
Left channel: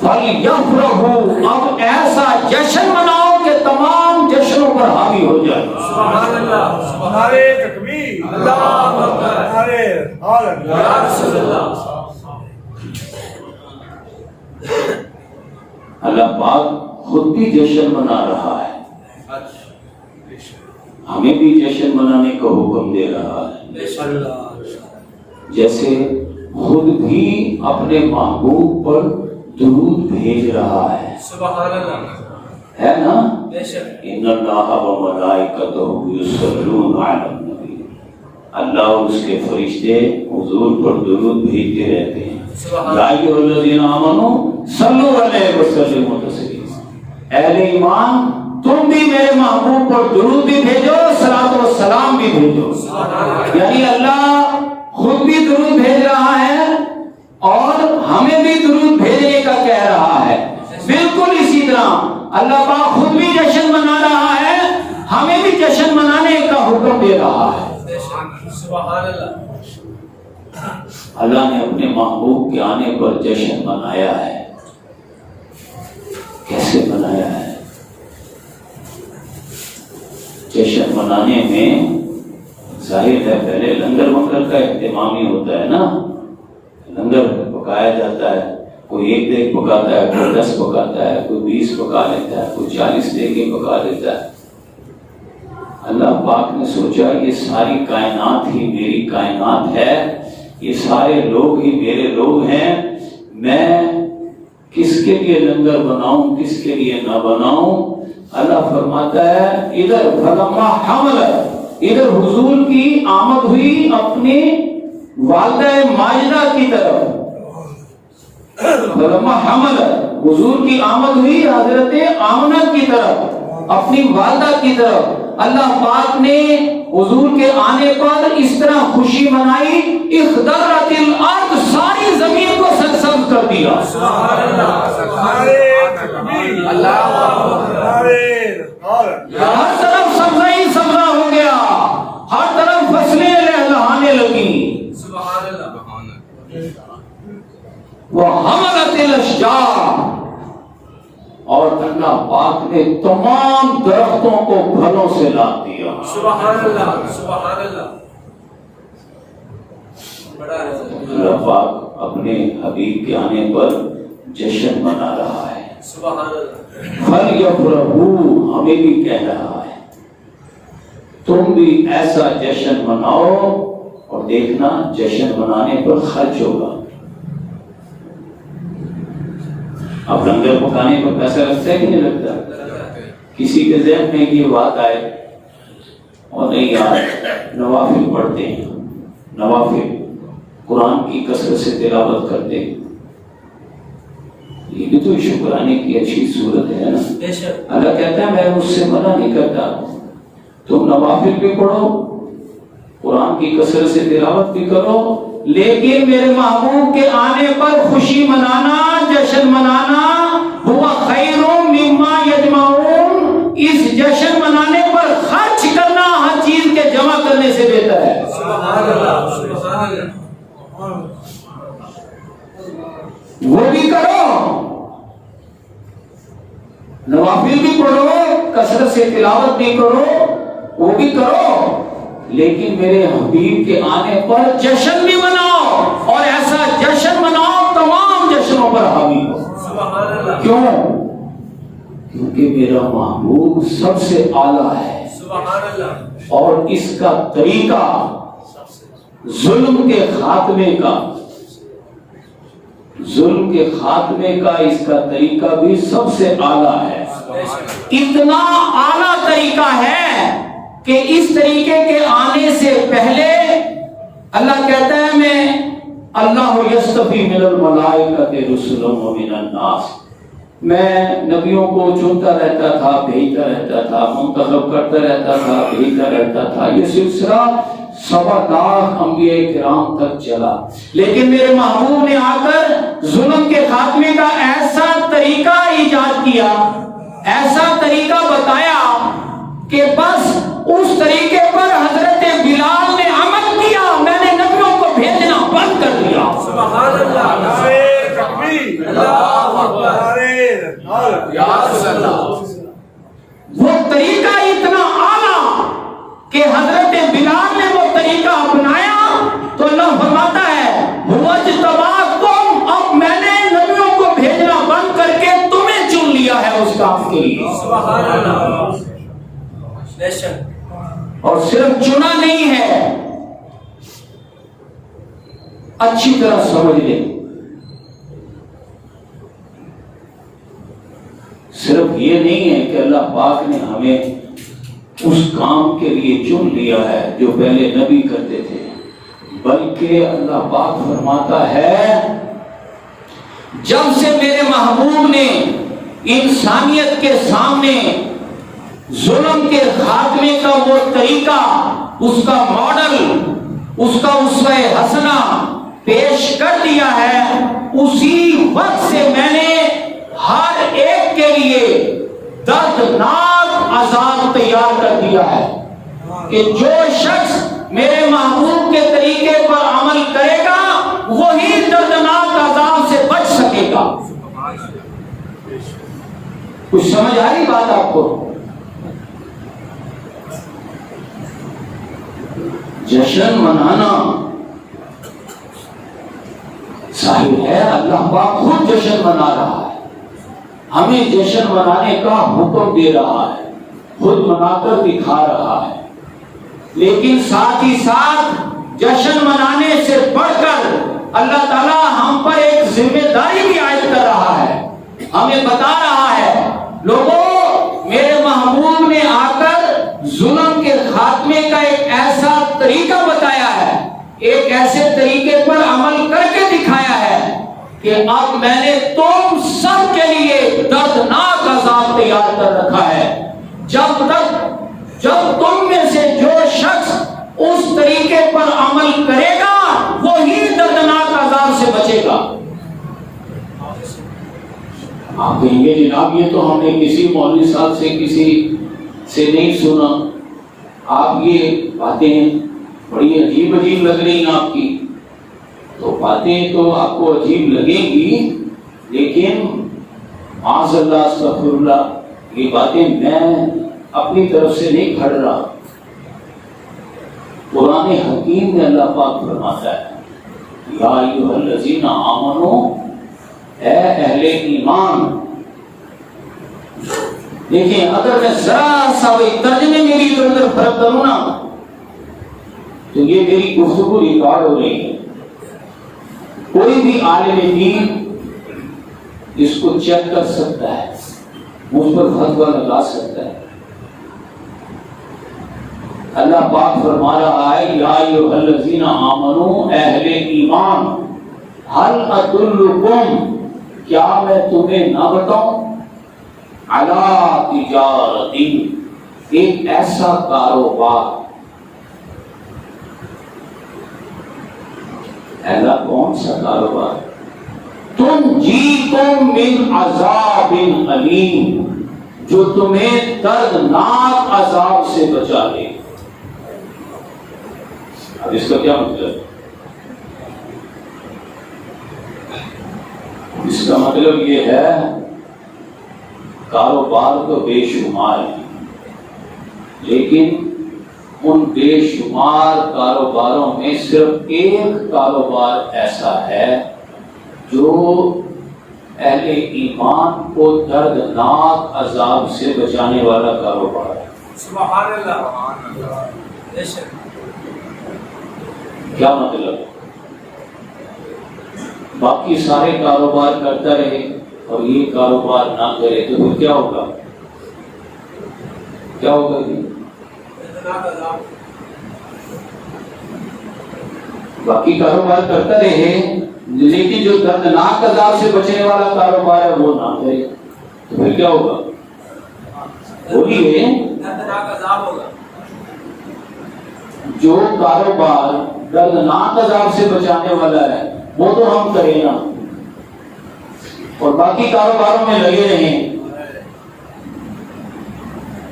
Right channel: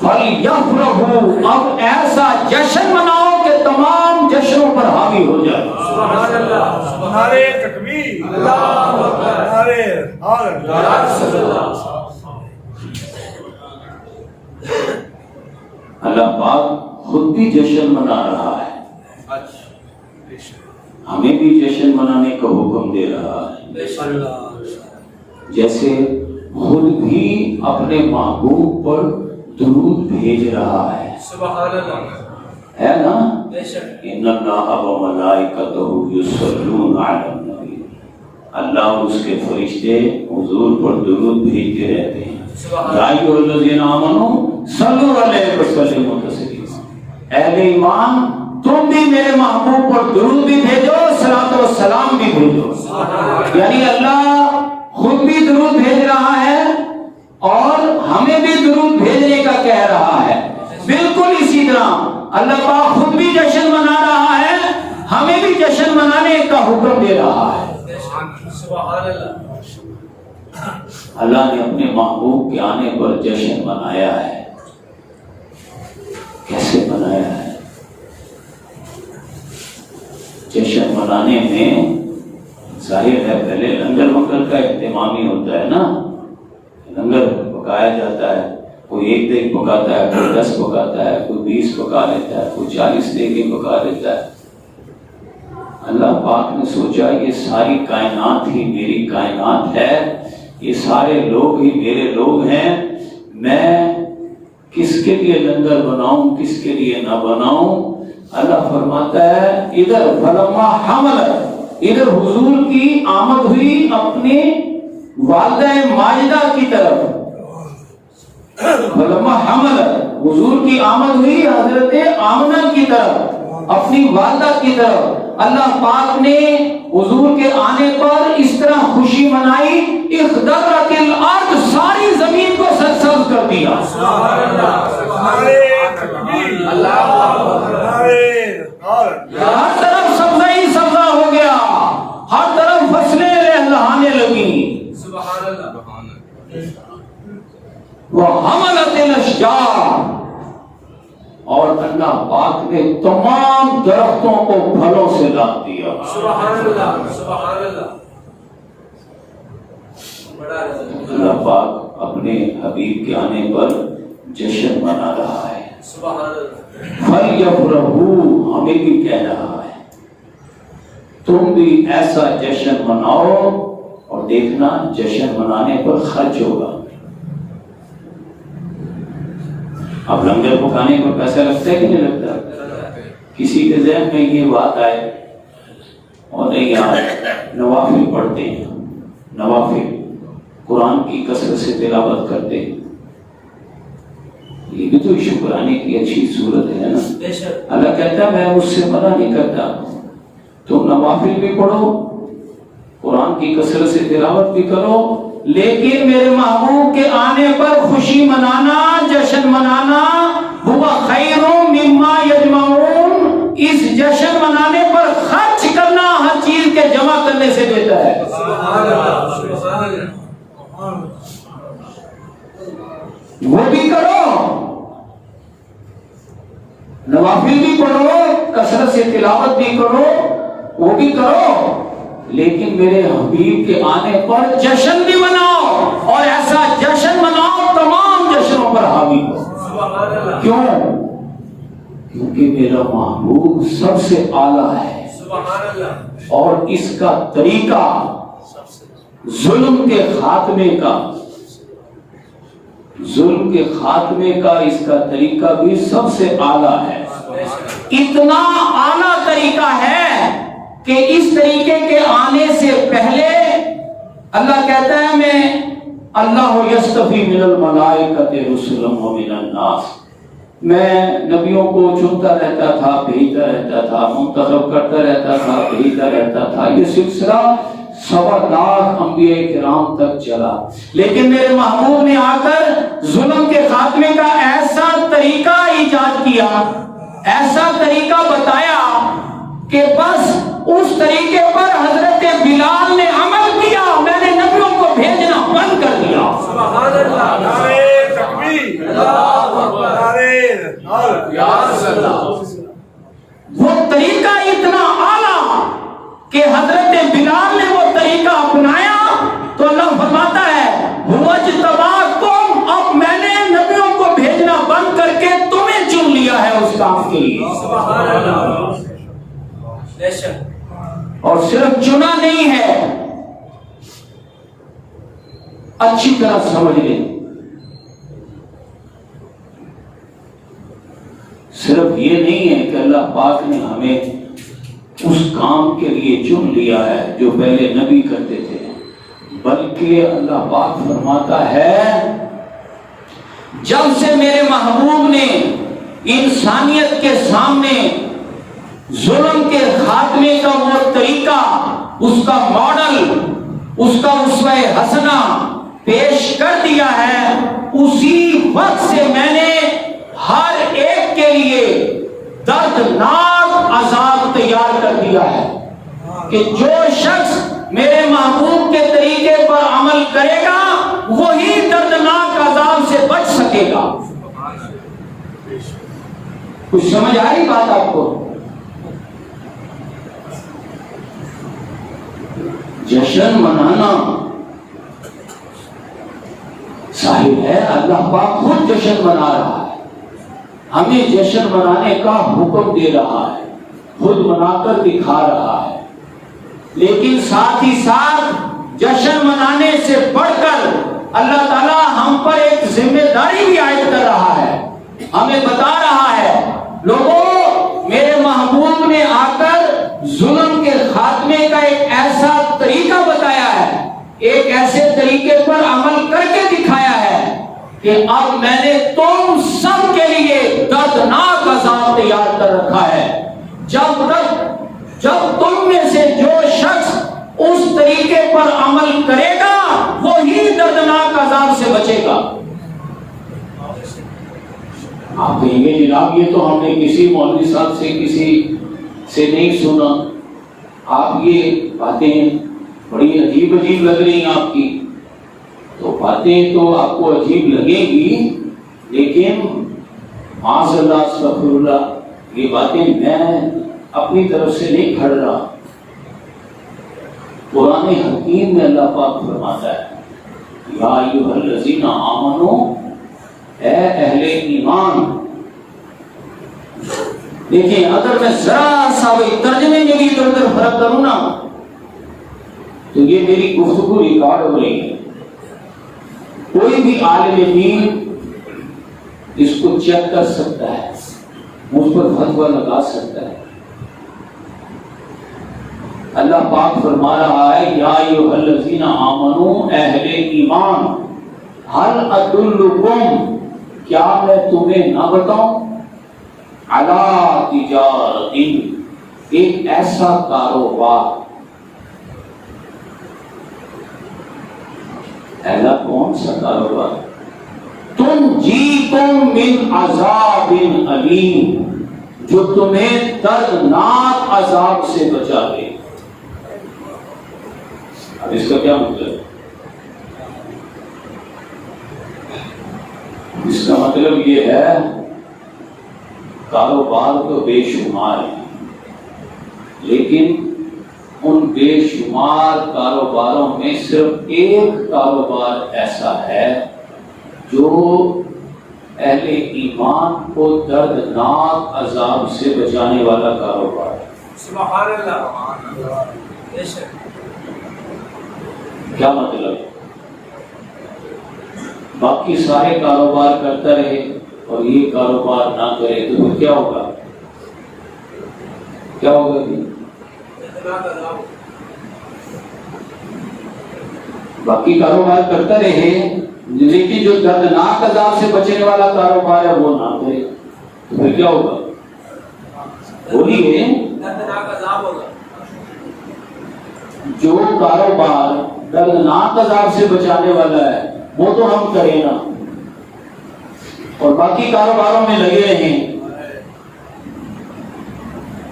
فَلْيَفْرَحُوا، اب ایسا جشن مناؤ کہ تمام جشنوں پر حاوی ہو جائے. سبحان اللہ، سبحان تکبیر، اللہ اکبر، یا رسول اللہ. اللہ پاک خود بھی جشن منا رہا ہے، ہمیں بھی جشن منانے کا حکم دے رہا ہے. جیسے خود بھی اپنے محبوب پر درود بھیج رہا ہے. سبحان اللہ، ہے نا؟ بے شک. ان اللہ و ملائکتہ یصلون علی النبی، اللہ اور اس کے فرشتے حضور پر درود بھیجتے رہتے ہیں. یا ایھا الذین آمنوا صلوا علیہ وسلموا تسلیما، اہل ایمان تم بھی میرے محبوب پر درود بھی بھیجو، صلاۃ و سلام بھی بھیجو۔ یعنی اللہ خود بھی درود بھیج رہا ہے اور ہمیں بھی درود بھیجنے کا کہہ رہا ہے۔ بالکل اسی طرح اللہ پاک خود بھی جشن منا رہا ہے، ہمیں بھی جشن منانے کا حکم دے رہا ہے۔ سبحان اللہ۔ اللہ نے اپنے محبوب کے آنے پر جشن منایا ہے۔ کیسے منایا ہے؟ جشن منانے میں ظاہر ہے پہلے لنگر ونگر کا اہتمام ہی ہوتا ہے نا، لنگر پکایا جاتا ہے، کوئی 1 دیگ پکاتا ہے، کوئی 10 پکاتا ہے، کوئی 20 پکا لیتا ہے، کوئی 40 دیگیں پکا دیتا ہے۔ اللہ پاک نے سوچا یہ ساری کائنات ہی میری کائنات ہے، یہ سارے لوگ ہی میرے لوگ ہیں، میں کس کے لیے لنگر بناؤں کس کے لیے نہ بناؤں؟ اللہ فرماتا ہے ادھر فلما حمل، ادھر حضور کی آمد ہوئی اپنی والدہ ماجدہ کی طرف، فلما حمل حضور کی آمد ہوئی حضرت آمنہ کی طرف، اپنی والدہ کی طرف۔ اللہ پاک نے حضور کے آنے پر اس طرح خوشی منائی، اخضرت الارض، ساری زمین کو سرسبز کر دیا۔ ہر طرف سبزہ ہی سبزہ ہو گیا، ہر طرف فصلیں لہلہانے لگیں۔ سبحان اللہ۔ وحملت الاشجار، اور اللہ پاک نے تمام درختوں کو پھلوں سے لاد دیا۔ سبحان اللہ، سبحان اللہ۔ اللہ پاک اپنے حبیب کے آنے پر جشن منا رہا ہے۔ سبحان اللہ۔ فَلْيَفْرَحُوا، ہمیں بھی کہہ رہا ہے تم بھی ایسا جشن مناؤ، اور دیکھنا جشن منانے پر خرچ ہوگا۔ اب لنگر پکانے کو پیسہ لگتا ہے کہ نہیں لگتا؟ کسی کے ذہن میں یہ بات آئے اور نہیں یار نوافل پڑھتے ہیں، نوافل قرآن کی کثرت سے تلاوت کرتے ہیں، یہ بھی تو شکرانے کی اچھی صورت ہے نا۔ اللہ کہتا ہے میں اس سے منع نہیں کرتا، تم نوافل بھی پڑھو، قرآن کی کثرت سے تلاوت بھی کرو، لیکن میرے محبوب کے آنے پر خوشی منانا، جشن منانا، ہوا خیر مما یجمعون، اس جشن منانے پر خرچ کرنا ہر چیز کے جمع کرنے سے بہتر ہے۔ وہ بھی کرو، نوافل بھی پڑھو، کثرت سے تلاوت بھی کرو، وہ بھی کرو، لیکن میرے حبیب کے آنے پر جشن بھی مناؤ، اور ایسا جشن مناؤ تمام جشنوں پر حاوی ہو۔ کیوں؟ کیونکہ میرا محبوب سب سے اعلیٰ ہے، اور اس کا طریقہ ظلم کے خاتمے کا، ظلم کے خاتمے کا اس کا طریقہ بھی سب سے اعلیٰ ہے۔ اتنا اعلیٰ طریقہ ہے کہ اس طریقے کے آنے سے پہلے اللہ کہتا ہے میں اللہ یستفی من الملائکۃ رسلا ومن الناس، میں نبیوں کو چنتا رہتا تھا، بھیجتا رہتا تھا، منتخب کرتا رہتا تھا، بھیجتا رہتا تھا، یہ سلسلہ 1.25 لاکھ انبیاء کرام تک چلا، لیکن میرے محبوب نے آ کر ظلم کے خاتمے کا ایسا طریقہ ایجاد کیا، ایسا طریقہ بتایا کہ بس اس طریقے پر حضرت بلال نے عمل کیا، میں نے نبیوں کو بھیجنا بند کر دیا۔ سبحان اللہ۔ تکبیر، اللہ اکبر، یا رسول اللہ۔ وہ طریقہ اتنا اعلیٰ کہ حضرت بلال نے وہ طریقہ اپنایا تو اللہ فرماتا ہے وَاجْتَبَاكُمْ، اب میں نے نبیوں کو بھیجنا بند کر کے تمہیں چن لیا ہے اس کام کے لیے۔ سبحان اللہ۔ اور صرف چنا نہیں ہے، اچھی طرح سمجھ لیں، صرف یہ نہیں ہے کہ اللہ پاک نے ہمیں اس کام کے لیے چن لیا ہے جو پہلے نبی کرتے تھے، بلکہ اللہ پاک فرماتا ہے جب سے میرے محبوب نے انسانیت کے سامنے ظلم کے خاتمے کا وہ طریقہ، اس کا ماڈل، اس کا اسوہ حسنہ پیش کر دیا ہے، اسی وقت سے میں نے ہر ایک کے لیے دردناک عذاب تیار کر دیا ہے کہ جو شخص میرے محبوب کے طریقے پر عمل کرے گا وہی دردناک عذاب سے بچ سکے گا۔ کچھ سمجھ آ رہی بات آپ کو؟ جشن منانا ظاہر ہے اللہ پاک خود جشن منا رہا ہے، ہمیں جشن منانے کا حکم دے رہا ہے، خود منا کر دکھا رہا ہے، لیکن ساتھ ہی ساتھ جشن منانے سے بڑھ کر اللہ تعالیٰ ہم پر ایک ذمہ داری بھی عائد کر رہا ہے، ہمیں بتا رہا ہے لوگوں میرے محبوب نے آ کر ظلم کے خاتمے کا ایک ایسا طریقہ بتایا ہے، ایک ایسے طریقے پر عمل کر کے دکھایا ہے کہ اب میں نے تم سب کے لیے دردناک عذاب تیار کر رکھا ہے۔ جب تم میں سے جو شخص اس طریقے پر عمل کرے گا وہی دردناک عذاب سے بچے گا۔ آپ کہیں گے جناب یہ تو ہم نے کسی مولوی صاحب سے کسی سے نہیں سنا، آپ یہ باتیں بڑی عجیب لگ رہی ہیں آپ کی، تو باتیں تو آپ کو عجیب لگیں گی، لیکن معاذ اللہ استغفر اللہ یہ باتیں میں اپنی طرف سے نہیں کھڑ رہا، قرآن حکیم میں اللہ پاک فرماتا ہے یا ایھا الذین آمنوا، اے اہل ایمان۔ دیکھیں اگر میں ذرا سا وہی ترجمے میں بھی ادھر ادھر فرق کروں نا تو یہ میری گفتگو ریکارڈ ہو رہی ہے، کوئی بھی عالم دین اس کو چیک کر سکتا ہے، مجھ پر فتویٰ لگا سکتا ہے۔ اللہ پاک فرما رہا ہے یا ایھا الذین آمنوا، اہل ایمان، هل ادلکم، کیا میں تمہیں نہ بتاؤں، علی تجارت، ایک ایسا کاروبار، ایسا کون سا کاروبار، تنجیکم من عذاب علیم، جو تمہیں دردناک عذاب سے بچا لے۔ اب اس کا کیا مطلب؟ اس کا مطلب یہ ہے کاروبار تو بے شمار ہیں، لیکن ان بے شمار کاروباروں میں صرف ایک کاروبار ایسا ہے جو اہل ایمان کو دردناک عذاب سے بچانے والا کاروبار ہے۔ سبحان اللہ۔ کیا مطلب؟ باقی سارے کاروبار کرتا رہے اور یہ کاروبار نہ کرے تو پھر کیا ہوگا؟ کیا ہوگا جی؟ باقی کاروبار کرتا رہے لیکن جو دردناک عذاب سے بچنے والا کاروبار ہے وہ نہ کرے تو پھر کیا ہوگا؟ وہی ہے دردناک عذاب ہوگا۔ جو کاروبار دردناک عذاب سے بچانے والا ہے وہ تو ہم کریں نا، اور باقی کاروباروں میں لگے رہیں،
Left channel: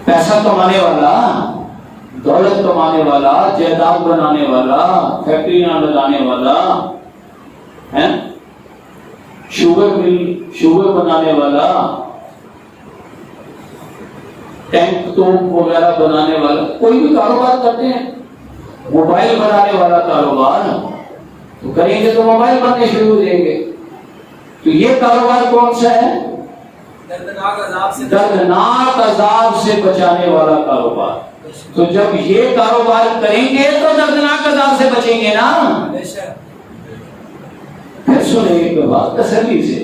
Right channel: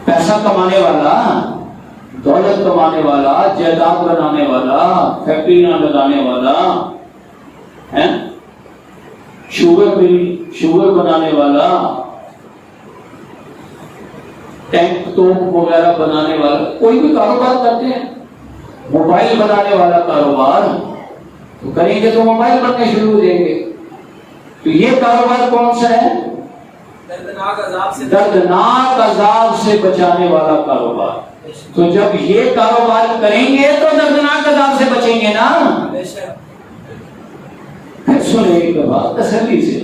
پیسہ کمانے والا، دولت کمانے والا، جائیداد بنانے والا، فیکٹریاں لگانے والا، شوگر بنانے والا، ٹینک توپ وغیرہ بنانے والا، کوئی بھی کاروبار کرتے ہیں، موبائل بنانے والا کاروبار تو کریں گے تو موبائل بننے شروع ہو جائیں گے، تو یہ کاروبار کون سا ہے؟ دردناک عذاب سے بچانے والا کاروبار۔ تو جب یہ کاروبار کریں گے تو دردناک عذاب سے بچیں گے نا۔ پھر سنیں ایک بات تسلی سے،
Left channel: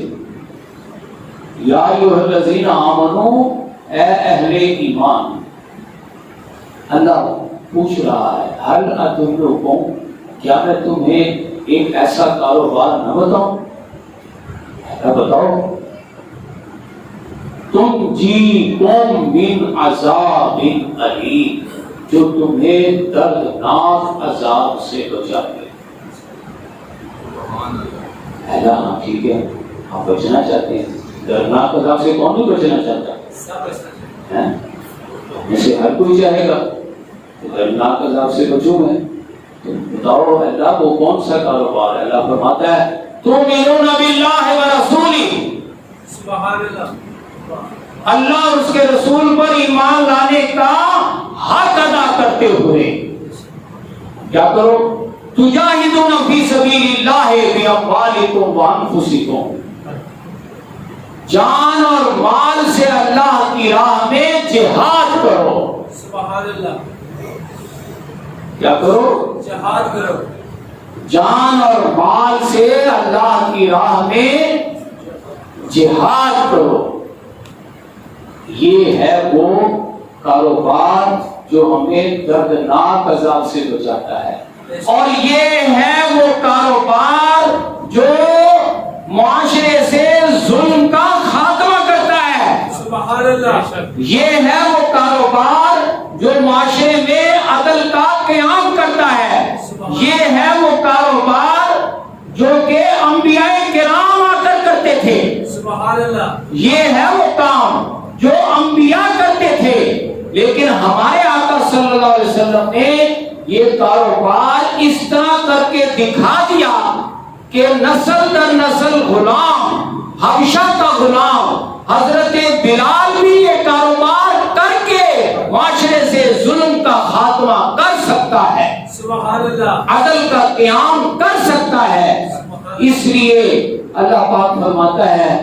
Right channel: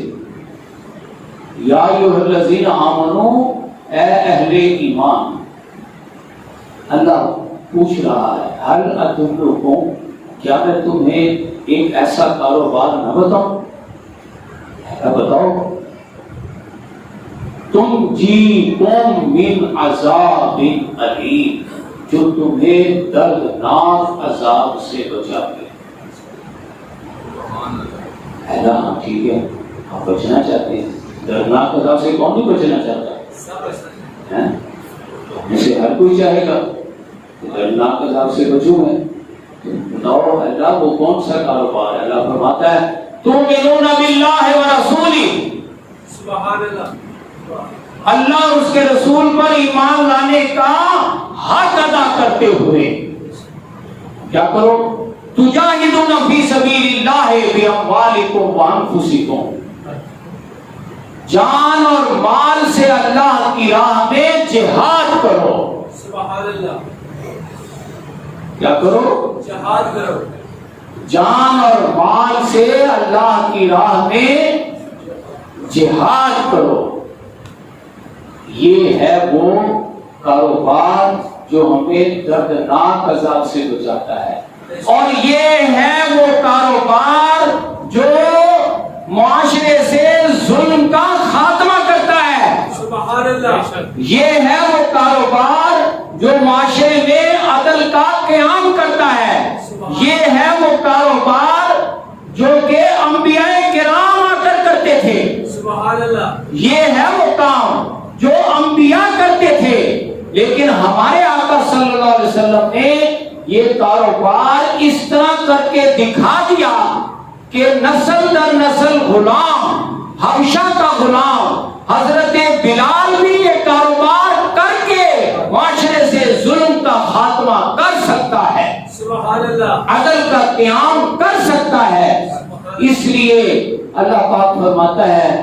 یا ایھا الذین آمنوا، اے اہل ایمان، اللہ پوچھ رہا ہے ہل ادلکم، کیا میں تمہیں ایک ایسا کاروبار نہ بتاؤں؟ بتاؤ تنجیکم من عذاب علیم، جو تمہیں دردناک عذاب سے بچاتے۔ ہاں ٹھیک ہے، آپ بچنا چاہتے ہیں، دردناک عذاب سے کون نہیں بچنا چاہتا ہے؟ ہم سے ہر کوئی چاہے گا کہ دردناک عذاب سے بچوں میں۔ بتاؤ اللہ وہ کون سا کاروبار ہے؟ اللہ فرماتا ہے تؤمنون باللہ ورسولہ، سبحان اللہ، اللہ اور اس کے رسول پر ایمان لانے کا حق ادا کرتے ہوئے کیا کرو؟ تجاہدون فی سبیل اللہ باموالکم وانفسکم، جان اور مال سے اللہ کی راہ میں جہاد کرو۔ سبحان اللہ، کیا کرو؟ جہاد کرو، جان اور مال سے اللہ کی راہ میں جہاد کرو۔ یہ ہے وہ کاروبار جو ہمیں دردناک عذاب سے بچاتا ہے، اور یہ ہے وہ کاروبار جو معاشرے سے ظلم کا خاتمہ کرتا ہے۔ سبحان اللہ، یہ ہے وہ کاروبار جو معاشرے میں عدل کا قیام کرتا ہے۔ یہ ہے وہ کاروبار جو کہ انبیاء کرام آ کر کرتے تھے۔ سبحان اللہ، یہ ہے وہ کام جو انبیاء کرتے تھے، لیکن ہمارے آقا صلی اللہ علیہ وسلم نے یہ کاروبار اس طرح کر کے دکھا دیا کہ نسل در نسل غلام، حبشہ کا غلام حضرت بلال بھی یہ کاروبار کر کے معاشرے سے ظلم کا خاتمہ کر سکتا ہے، سبحان اللہ، عدل کا قیام کر سکتا ہے۔ اس لیے اللہ پاک فرماتا ہے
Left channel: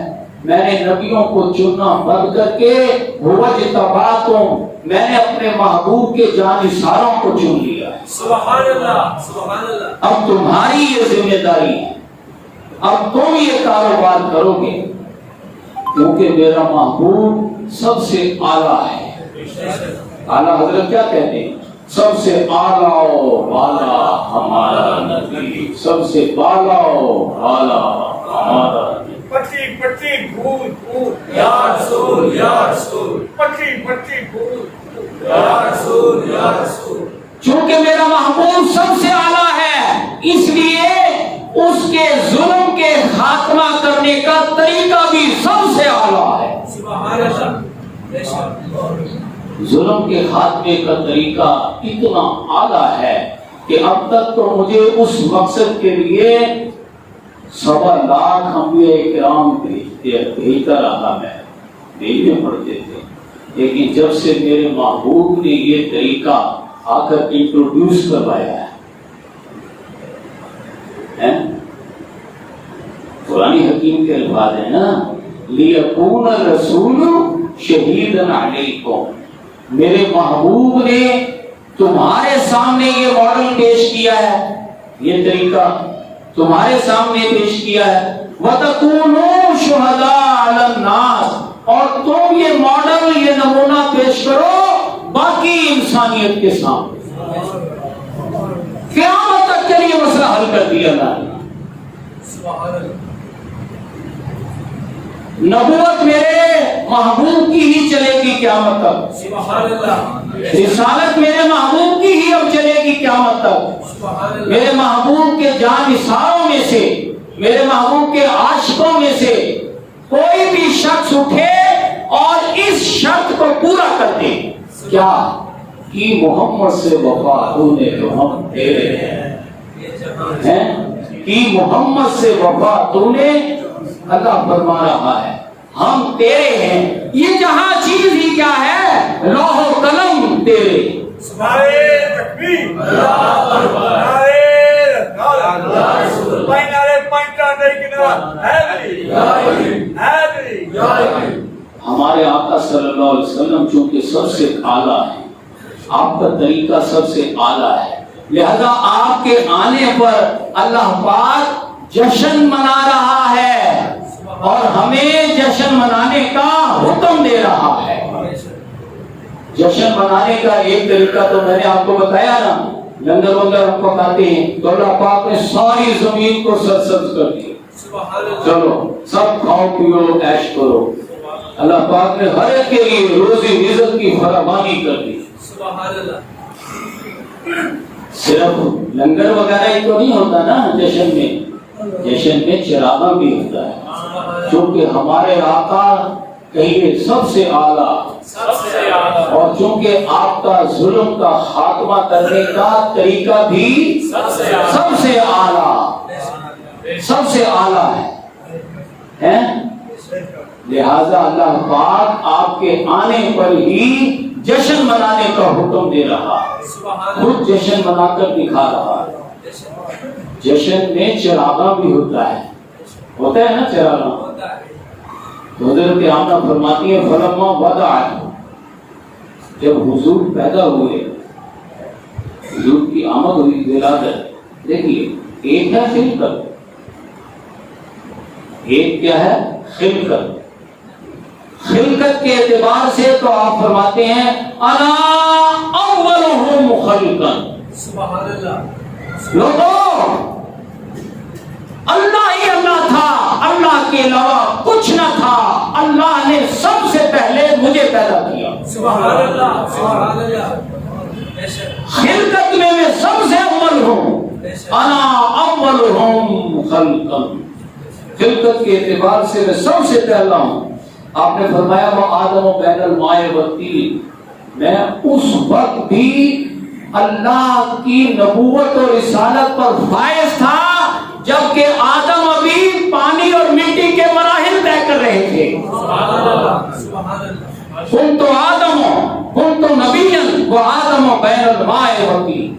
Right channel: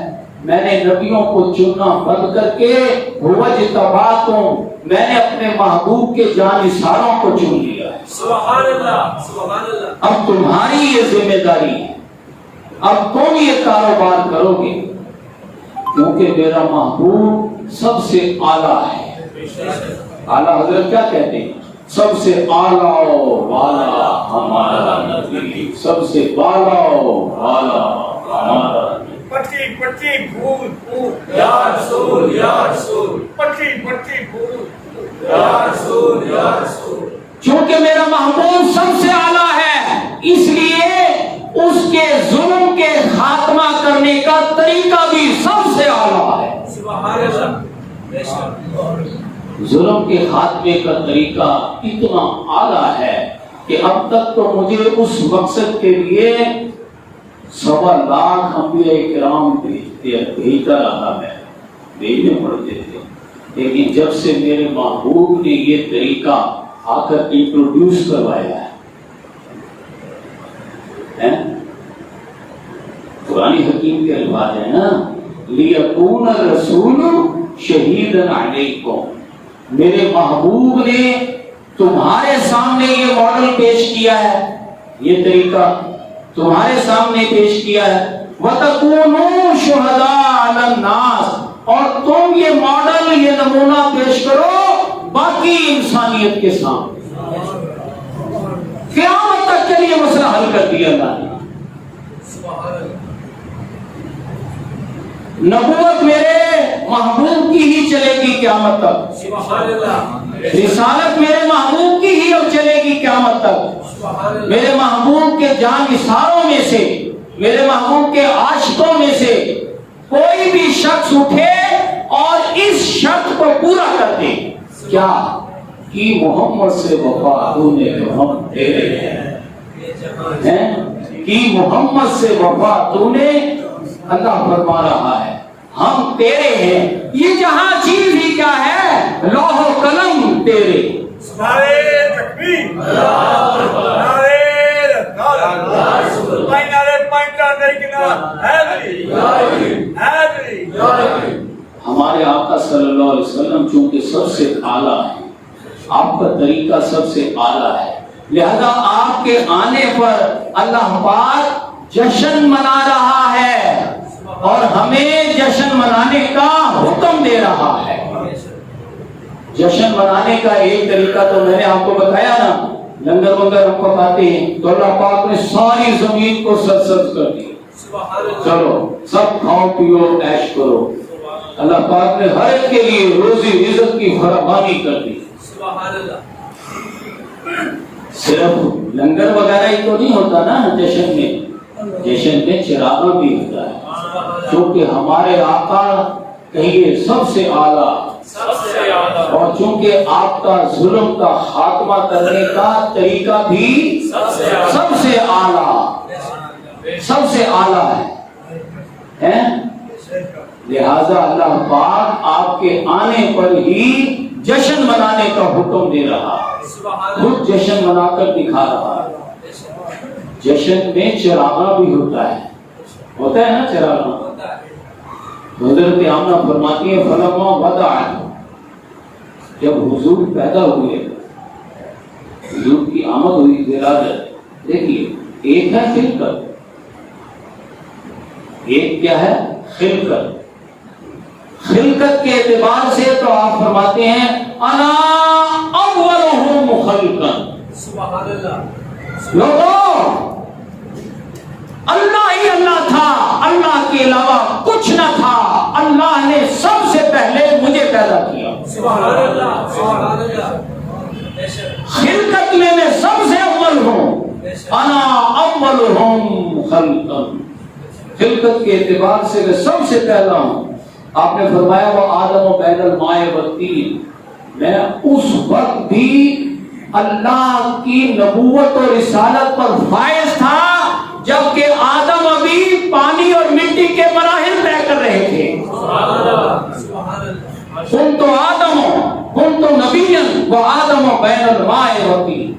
میں نے نبیوں کو چننا بند کر کے وجتباکم، میں نے اپنے محبوب کے جانثاروں کو چن لیا۔ سبحان اللہ، سبحان اللہ، اب تمہاری یہ ذمہ داری ہے، اب تم یہ کاروبار کرو گے، کیونکہ میرا محبوب سب سے اعلیٰ ہے۔ اعلیٰ حضرت کیا کہتے ہیں؟ سب سے اعلیٰ و بالا ہمارا نبی، سب سے بالا و بالا ہمارا نبی۔ پٹی پٹی گھول گھول یا رسول یا رسول، پٹی پٹی گھول یا رسول یا رسول۔ چونکہ میرا محبوب سب سے اعلیٰ ہے، اس لیے اس کے ظلم کے خاتمہ کرنے کا طریقہ بھی سب سے اعلیٰ ہے۔ سبحان اللہ، بے شک، ظلم کے خاتمے کا طریقہ اتنا اعلیٰ ہے کہ اب تک تو مجھے اس مقصد کے لیے 1.25 لاکھ انبیاء کرام بھیجتا رہا ہے، بھیجنے پڑتے تھے، لیکن جب سے میرے محبوب نے یہ طریقہ آ کر انٹروڈیوس کروایا ہے، قرآن حکیم کے الفاظ ہیں نا، لِيَكُونَ الرَّسُولُ شَهِيدًا عَلَيْكُمْ، میرے محبوب نے تمہارے سامنے یہ ماڈل پیش کیا ہے، یہ طریقہ تمہارے سامنے پیش کیا ہے، وَتَكُونُوا شُهَدَاءَ عَلَى النَّاسِ، اور تم یہ ماڈل، یہ نمونہ پیش کرو باقی انسانیت کے سامنے۔ قیامت تک کے لیے مسئلہ حل کر دیا اللہ نے۔ نبوت میرے محبوب کی ہی چلے گی قیامت تک، سبحان اللہ، رسالت میرے محبوب کی ہی اب چلے گی قیامت تک۔ میرے محبوب کے جانثاروں میں سے، میرے محبوب کے عاشقوں میں سے کوئی بھی شخص اٹھے اور اس شرط کو پورا کر دے، کیا کہ محمد سے وفا ہونے تو ہم تیرے ہیں، کہ محمد سے وفا تو نے، اللہ فرما رہا ہے ہم تیرے ہیں۔ یہ جہاں چیز ہی کیا ہے؟ لوح و قلم تیرے۔ نعرے تکبیر، نعرے رسول، نعرے پنجا دیکھنا، حیدری حیدری۔ ہمارے آقا صلی اللہ علیہ وسلم چونکہ سب سے اعلیٰ ہے، آپ کا طریقہ سب سے اعلیٰ ہے، لہذا آپ کے آنے پر اللہ پاک جشن منا رہا ہے اور ہمیں جشن منانے کا حکم دے رہا ہے۔ جشن منانے کا ایک طریقہ تو میں نے آپ کو بتایا نا، لنگر ونگر ہم پکاتے ہیں تو اللہ پاک نے ساری زمین کو سرسبز کر دی، چلو سب کھاؤ پیو عیش کرو، اللہ پاک نے ہر ایک کے لیے روزی رزق کی فراوانی کر دی. سبحان اللہ. صرف لنگر وغیرہ ہی تو نہیں ہوتا نا جشن میں. جشن میں چراغاں بھی ہوتا ہے، کیونکہ ہمارے آقا کہیے سب سے اعلیٰ، اور چونکہ آپ کا ظلم کا خاتمہ کرنے کا طریقہ بھی سب سے اعلیٰ، سب سے اعلیٰ ہے. لہذا اللہ پاک آپ کے آنے پر ہی جشن منانے کا حکم دے رہا، خود جشن منا کر دکھا رہا. جشن میں چراغاں بھی ہوتا ہے نا چراغاں. حضرت آمنہ فرماتی ہے فلما وضع، جب حضور پیدا ہوئے، حضور کی آمد ہوئی، ولادت. دیکھیے ایک ہے خلقت، ایک کیا ہے خلقت. خلقت کے اعتبار سے تو آپ فرماتے ہیں انا اولہم خلقا. سبحان اللہ. لوگوں اللہ ہی اللہ تھا، اللہ کے علاوہ کچھ نہ تھا. اللہ نے سب سے پہلے مجھے پیدا کیا. سبحان اللہ. سبحان اللہ. خلقت میں سب سے اول ہوں. انا اولہم خلقا. خلقت کے اعتبار سے میں سب سے پہلا ہوں. آپ نے فرمایا وہ آدم و بین الماء والطین، میں اس وقت بھی اللہ کی نبوت اور رسالت پر فائز تھا جبکہ آدم ابھی پانی اور مٹی کے مراحل طے کر رہے تھے. کن تو آدم کن تو نبین وہ آدم و بین الماء والطین.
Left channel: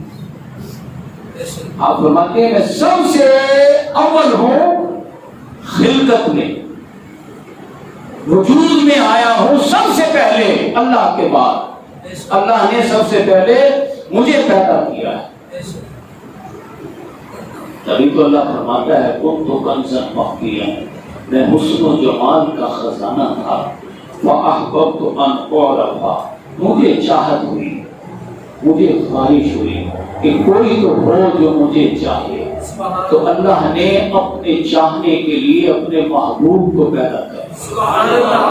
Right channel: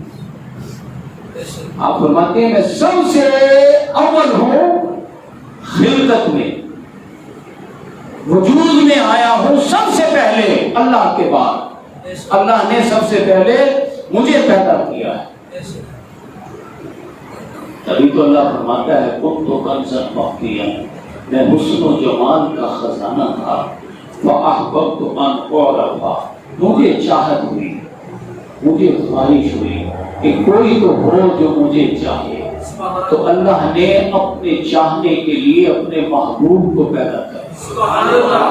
آپ فرماتے ہیں میں سب سے اول ہوں خلقت میں، وجود میں آیا ہوں سب سے پہلے اللہ کے بعد. اللہ نے سب سے پہلے مجھے پیدا کیا ہے. تبھی تو اللہ فرماتا ہے کن تو کنزا باقیہ، میں حسن و جمال کا خزانہ تھا. فاحببت ان اعرف، مجھے چاہت ہوئی، مجھے خواہش ہوئی کہ کوئی تو ہو جو مجھے چاہے. تو اللہ نے اپنے چاہنے کے لیے اپنے محبوب کو پیدا کیا. سبحان اللہ.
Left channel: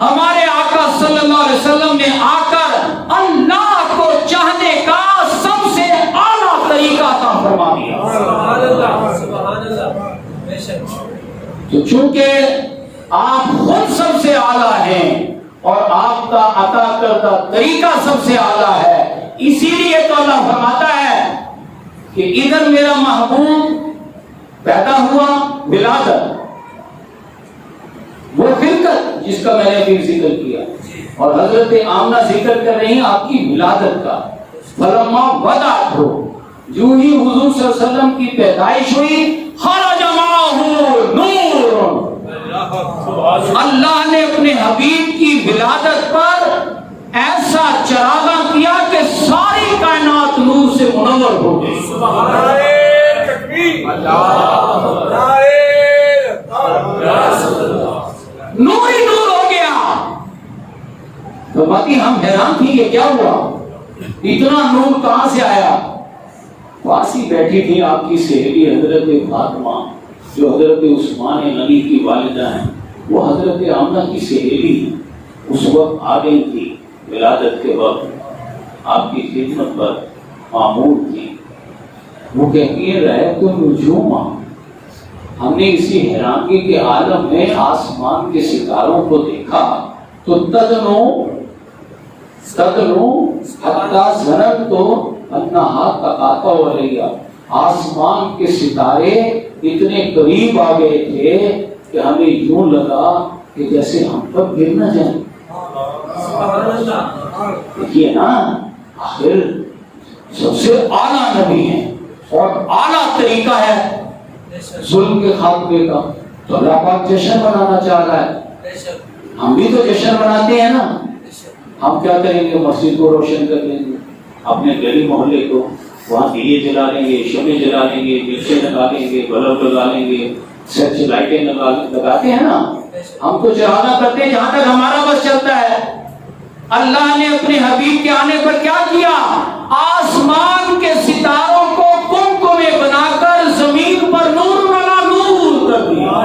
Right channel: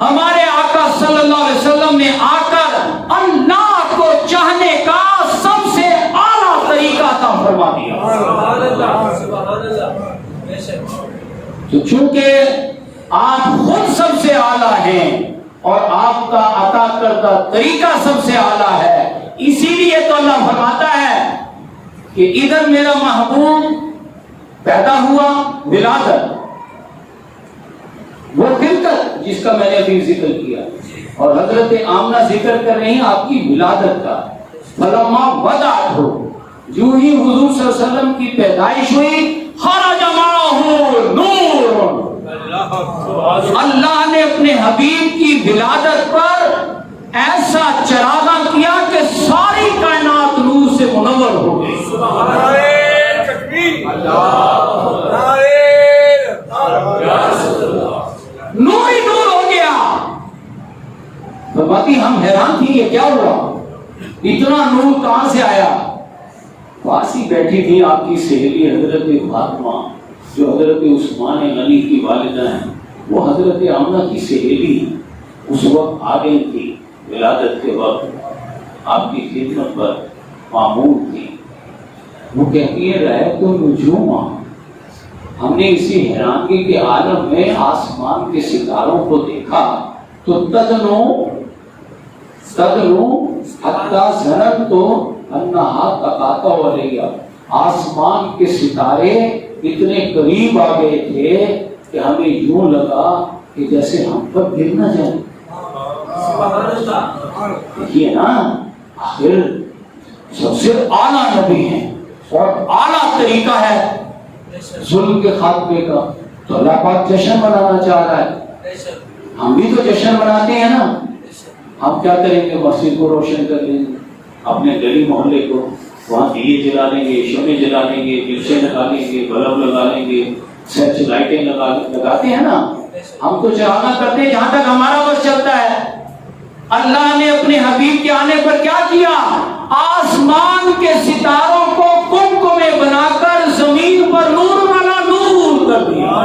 ہمارے آقا صلی اللہ علیہ وسلم نے آ کر اللہ کو چاہنے کا سب سے اعلیٰ طریقہ عطا فرما دیا. سبحان اللہ. سبحان اللہ. بے شک. تو چونکہ آپ خود سب سے اعلیٰ ہیں اور آپ کا عطا کردہ طریقہ سب سے اعلیٰ ہے، اسی لیے تو اللہ فرماتا ہے کہ ادھر میرا محبوب پیدا ہوا، ولادت وہ خلقت جس کا میں نے ابھی ذکر کیا، اور حضرت آمنہ ذکر کر رہی ہیں آپ کی ولادت کا. فلما وضعت ہو، جو ہی حضور صلی اللہ علیہ وسلم کی پیدائش ہوئی، خرج معہ نور. اللہ نے اپنے حبیب کی ولادت پر ایسا چراغاں کیا کہ ساری کائنات نور سے منور ہو گئی. نور ہی نور ہو گیا. تو باقی ہم حیران تھی کہ کیا ہوا، اتنا نور کہاں سے آیا. واسی بیٹھی تھی آپ کی سہیلی حضرت فاطمہ جو حضرت عثمان غنی کی والدہ ہیں، وہ حضرت آمنہ کی سہیلی اس وقت آ گئی تھی. ولادت کے وقت آپ کی خدمت پر معمور تھی. وہ کہتی ہے رہے تم نجوما، ہم نے اسی حیرانگی کے عالم میں آسمان کے ستاروں کو دیکھا تو تدنو حتی ظننت تو انہا تقاطع علیہ، آسمان کے ستارے اتنے قریب آ گئے تھے کہ ہمیں یوں لگا کہ جیسے ہم کب گر نہ جائیں. دیکھیے نا، آخر سب سے اعلیٰ نبی ہیں اور اعلیٰ طریقہ ہے ظلم کے خاتمے کا. تو اللہ پاک جشن منانا چاہ رہا ہے. ہم بھی تو جشن مناتے ہیں نا. ہم کیا کریں گے، مسجد کو روشن کر لیں گے، اپنے گلی محلے کو وہاں دیے جلا لیں گے، شمع جلا لیں گے، جلسے لگا لیں گے، بلب لگا لیں گے، سرچ لائٹیں لگاتے ہیں نا. ہم تو چراغاں کرتے ہیں جہاں تک ہمارا بس چلتا ہے. اللہ نے اپنے حبیب کے آنے پر کیا کیا، آسمان کے ستاروں کو کمکمے بنا کر زمین پر نور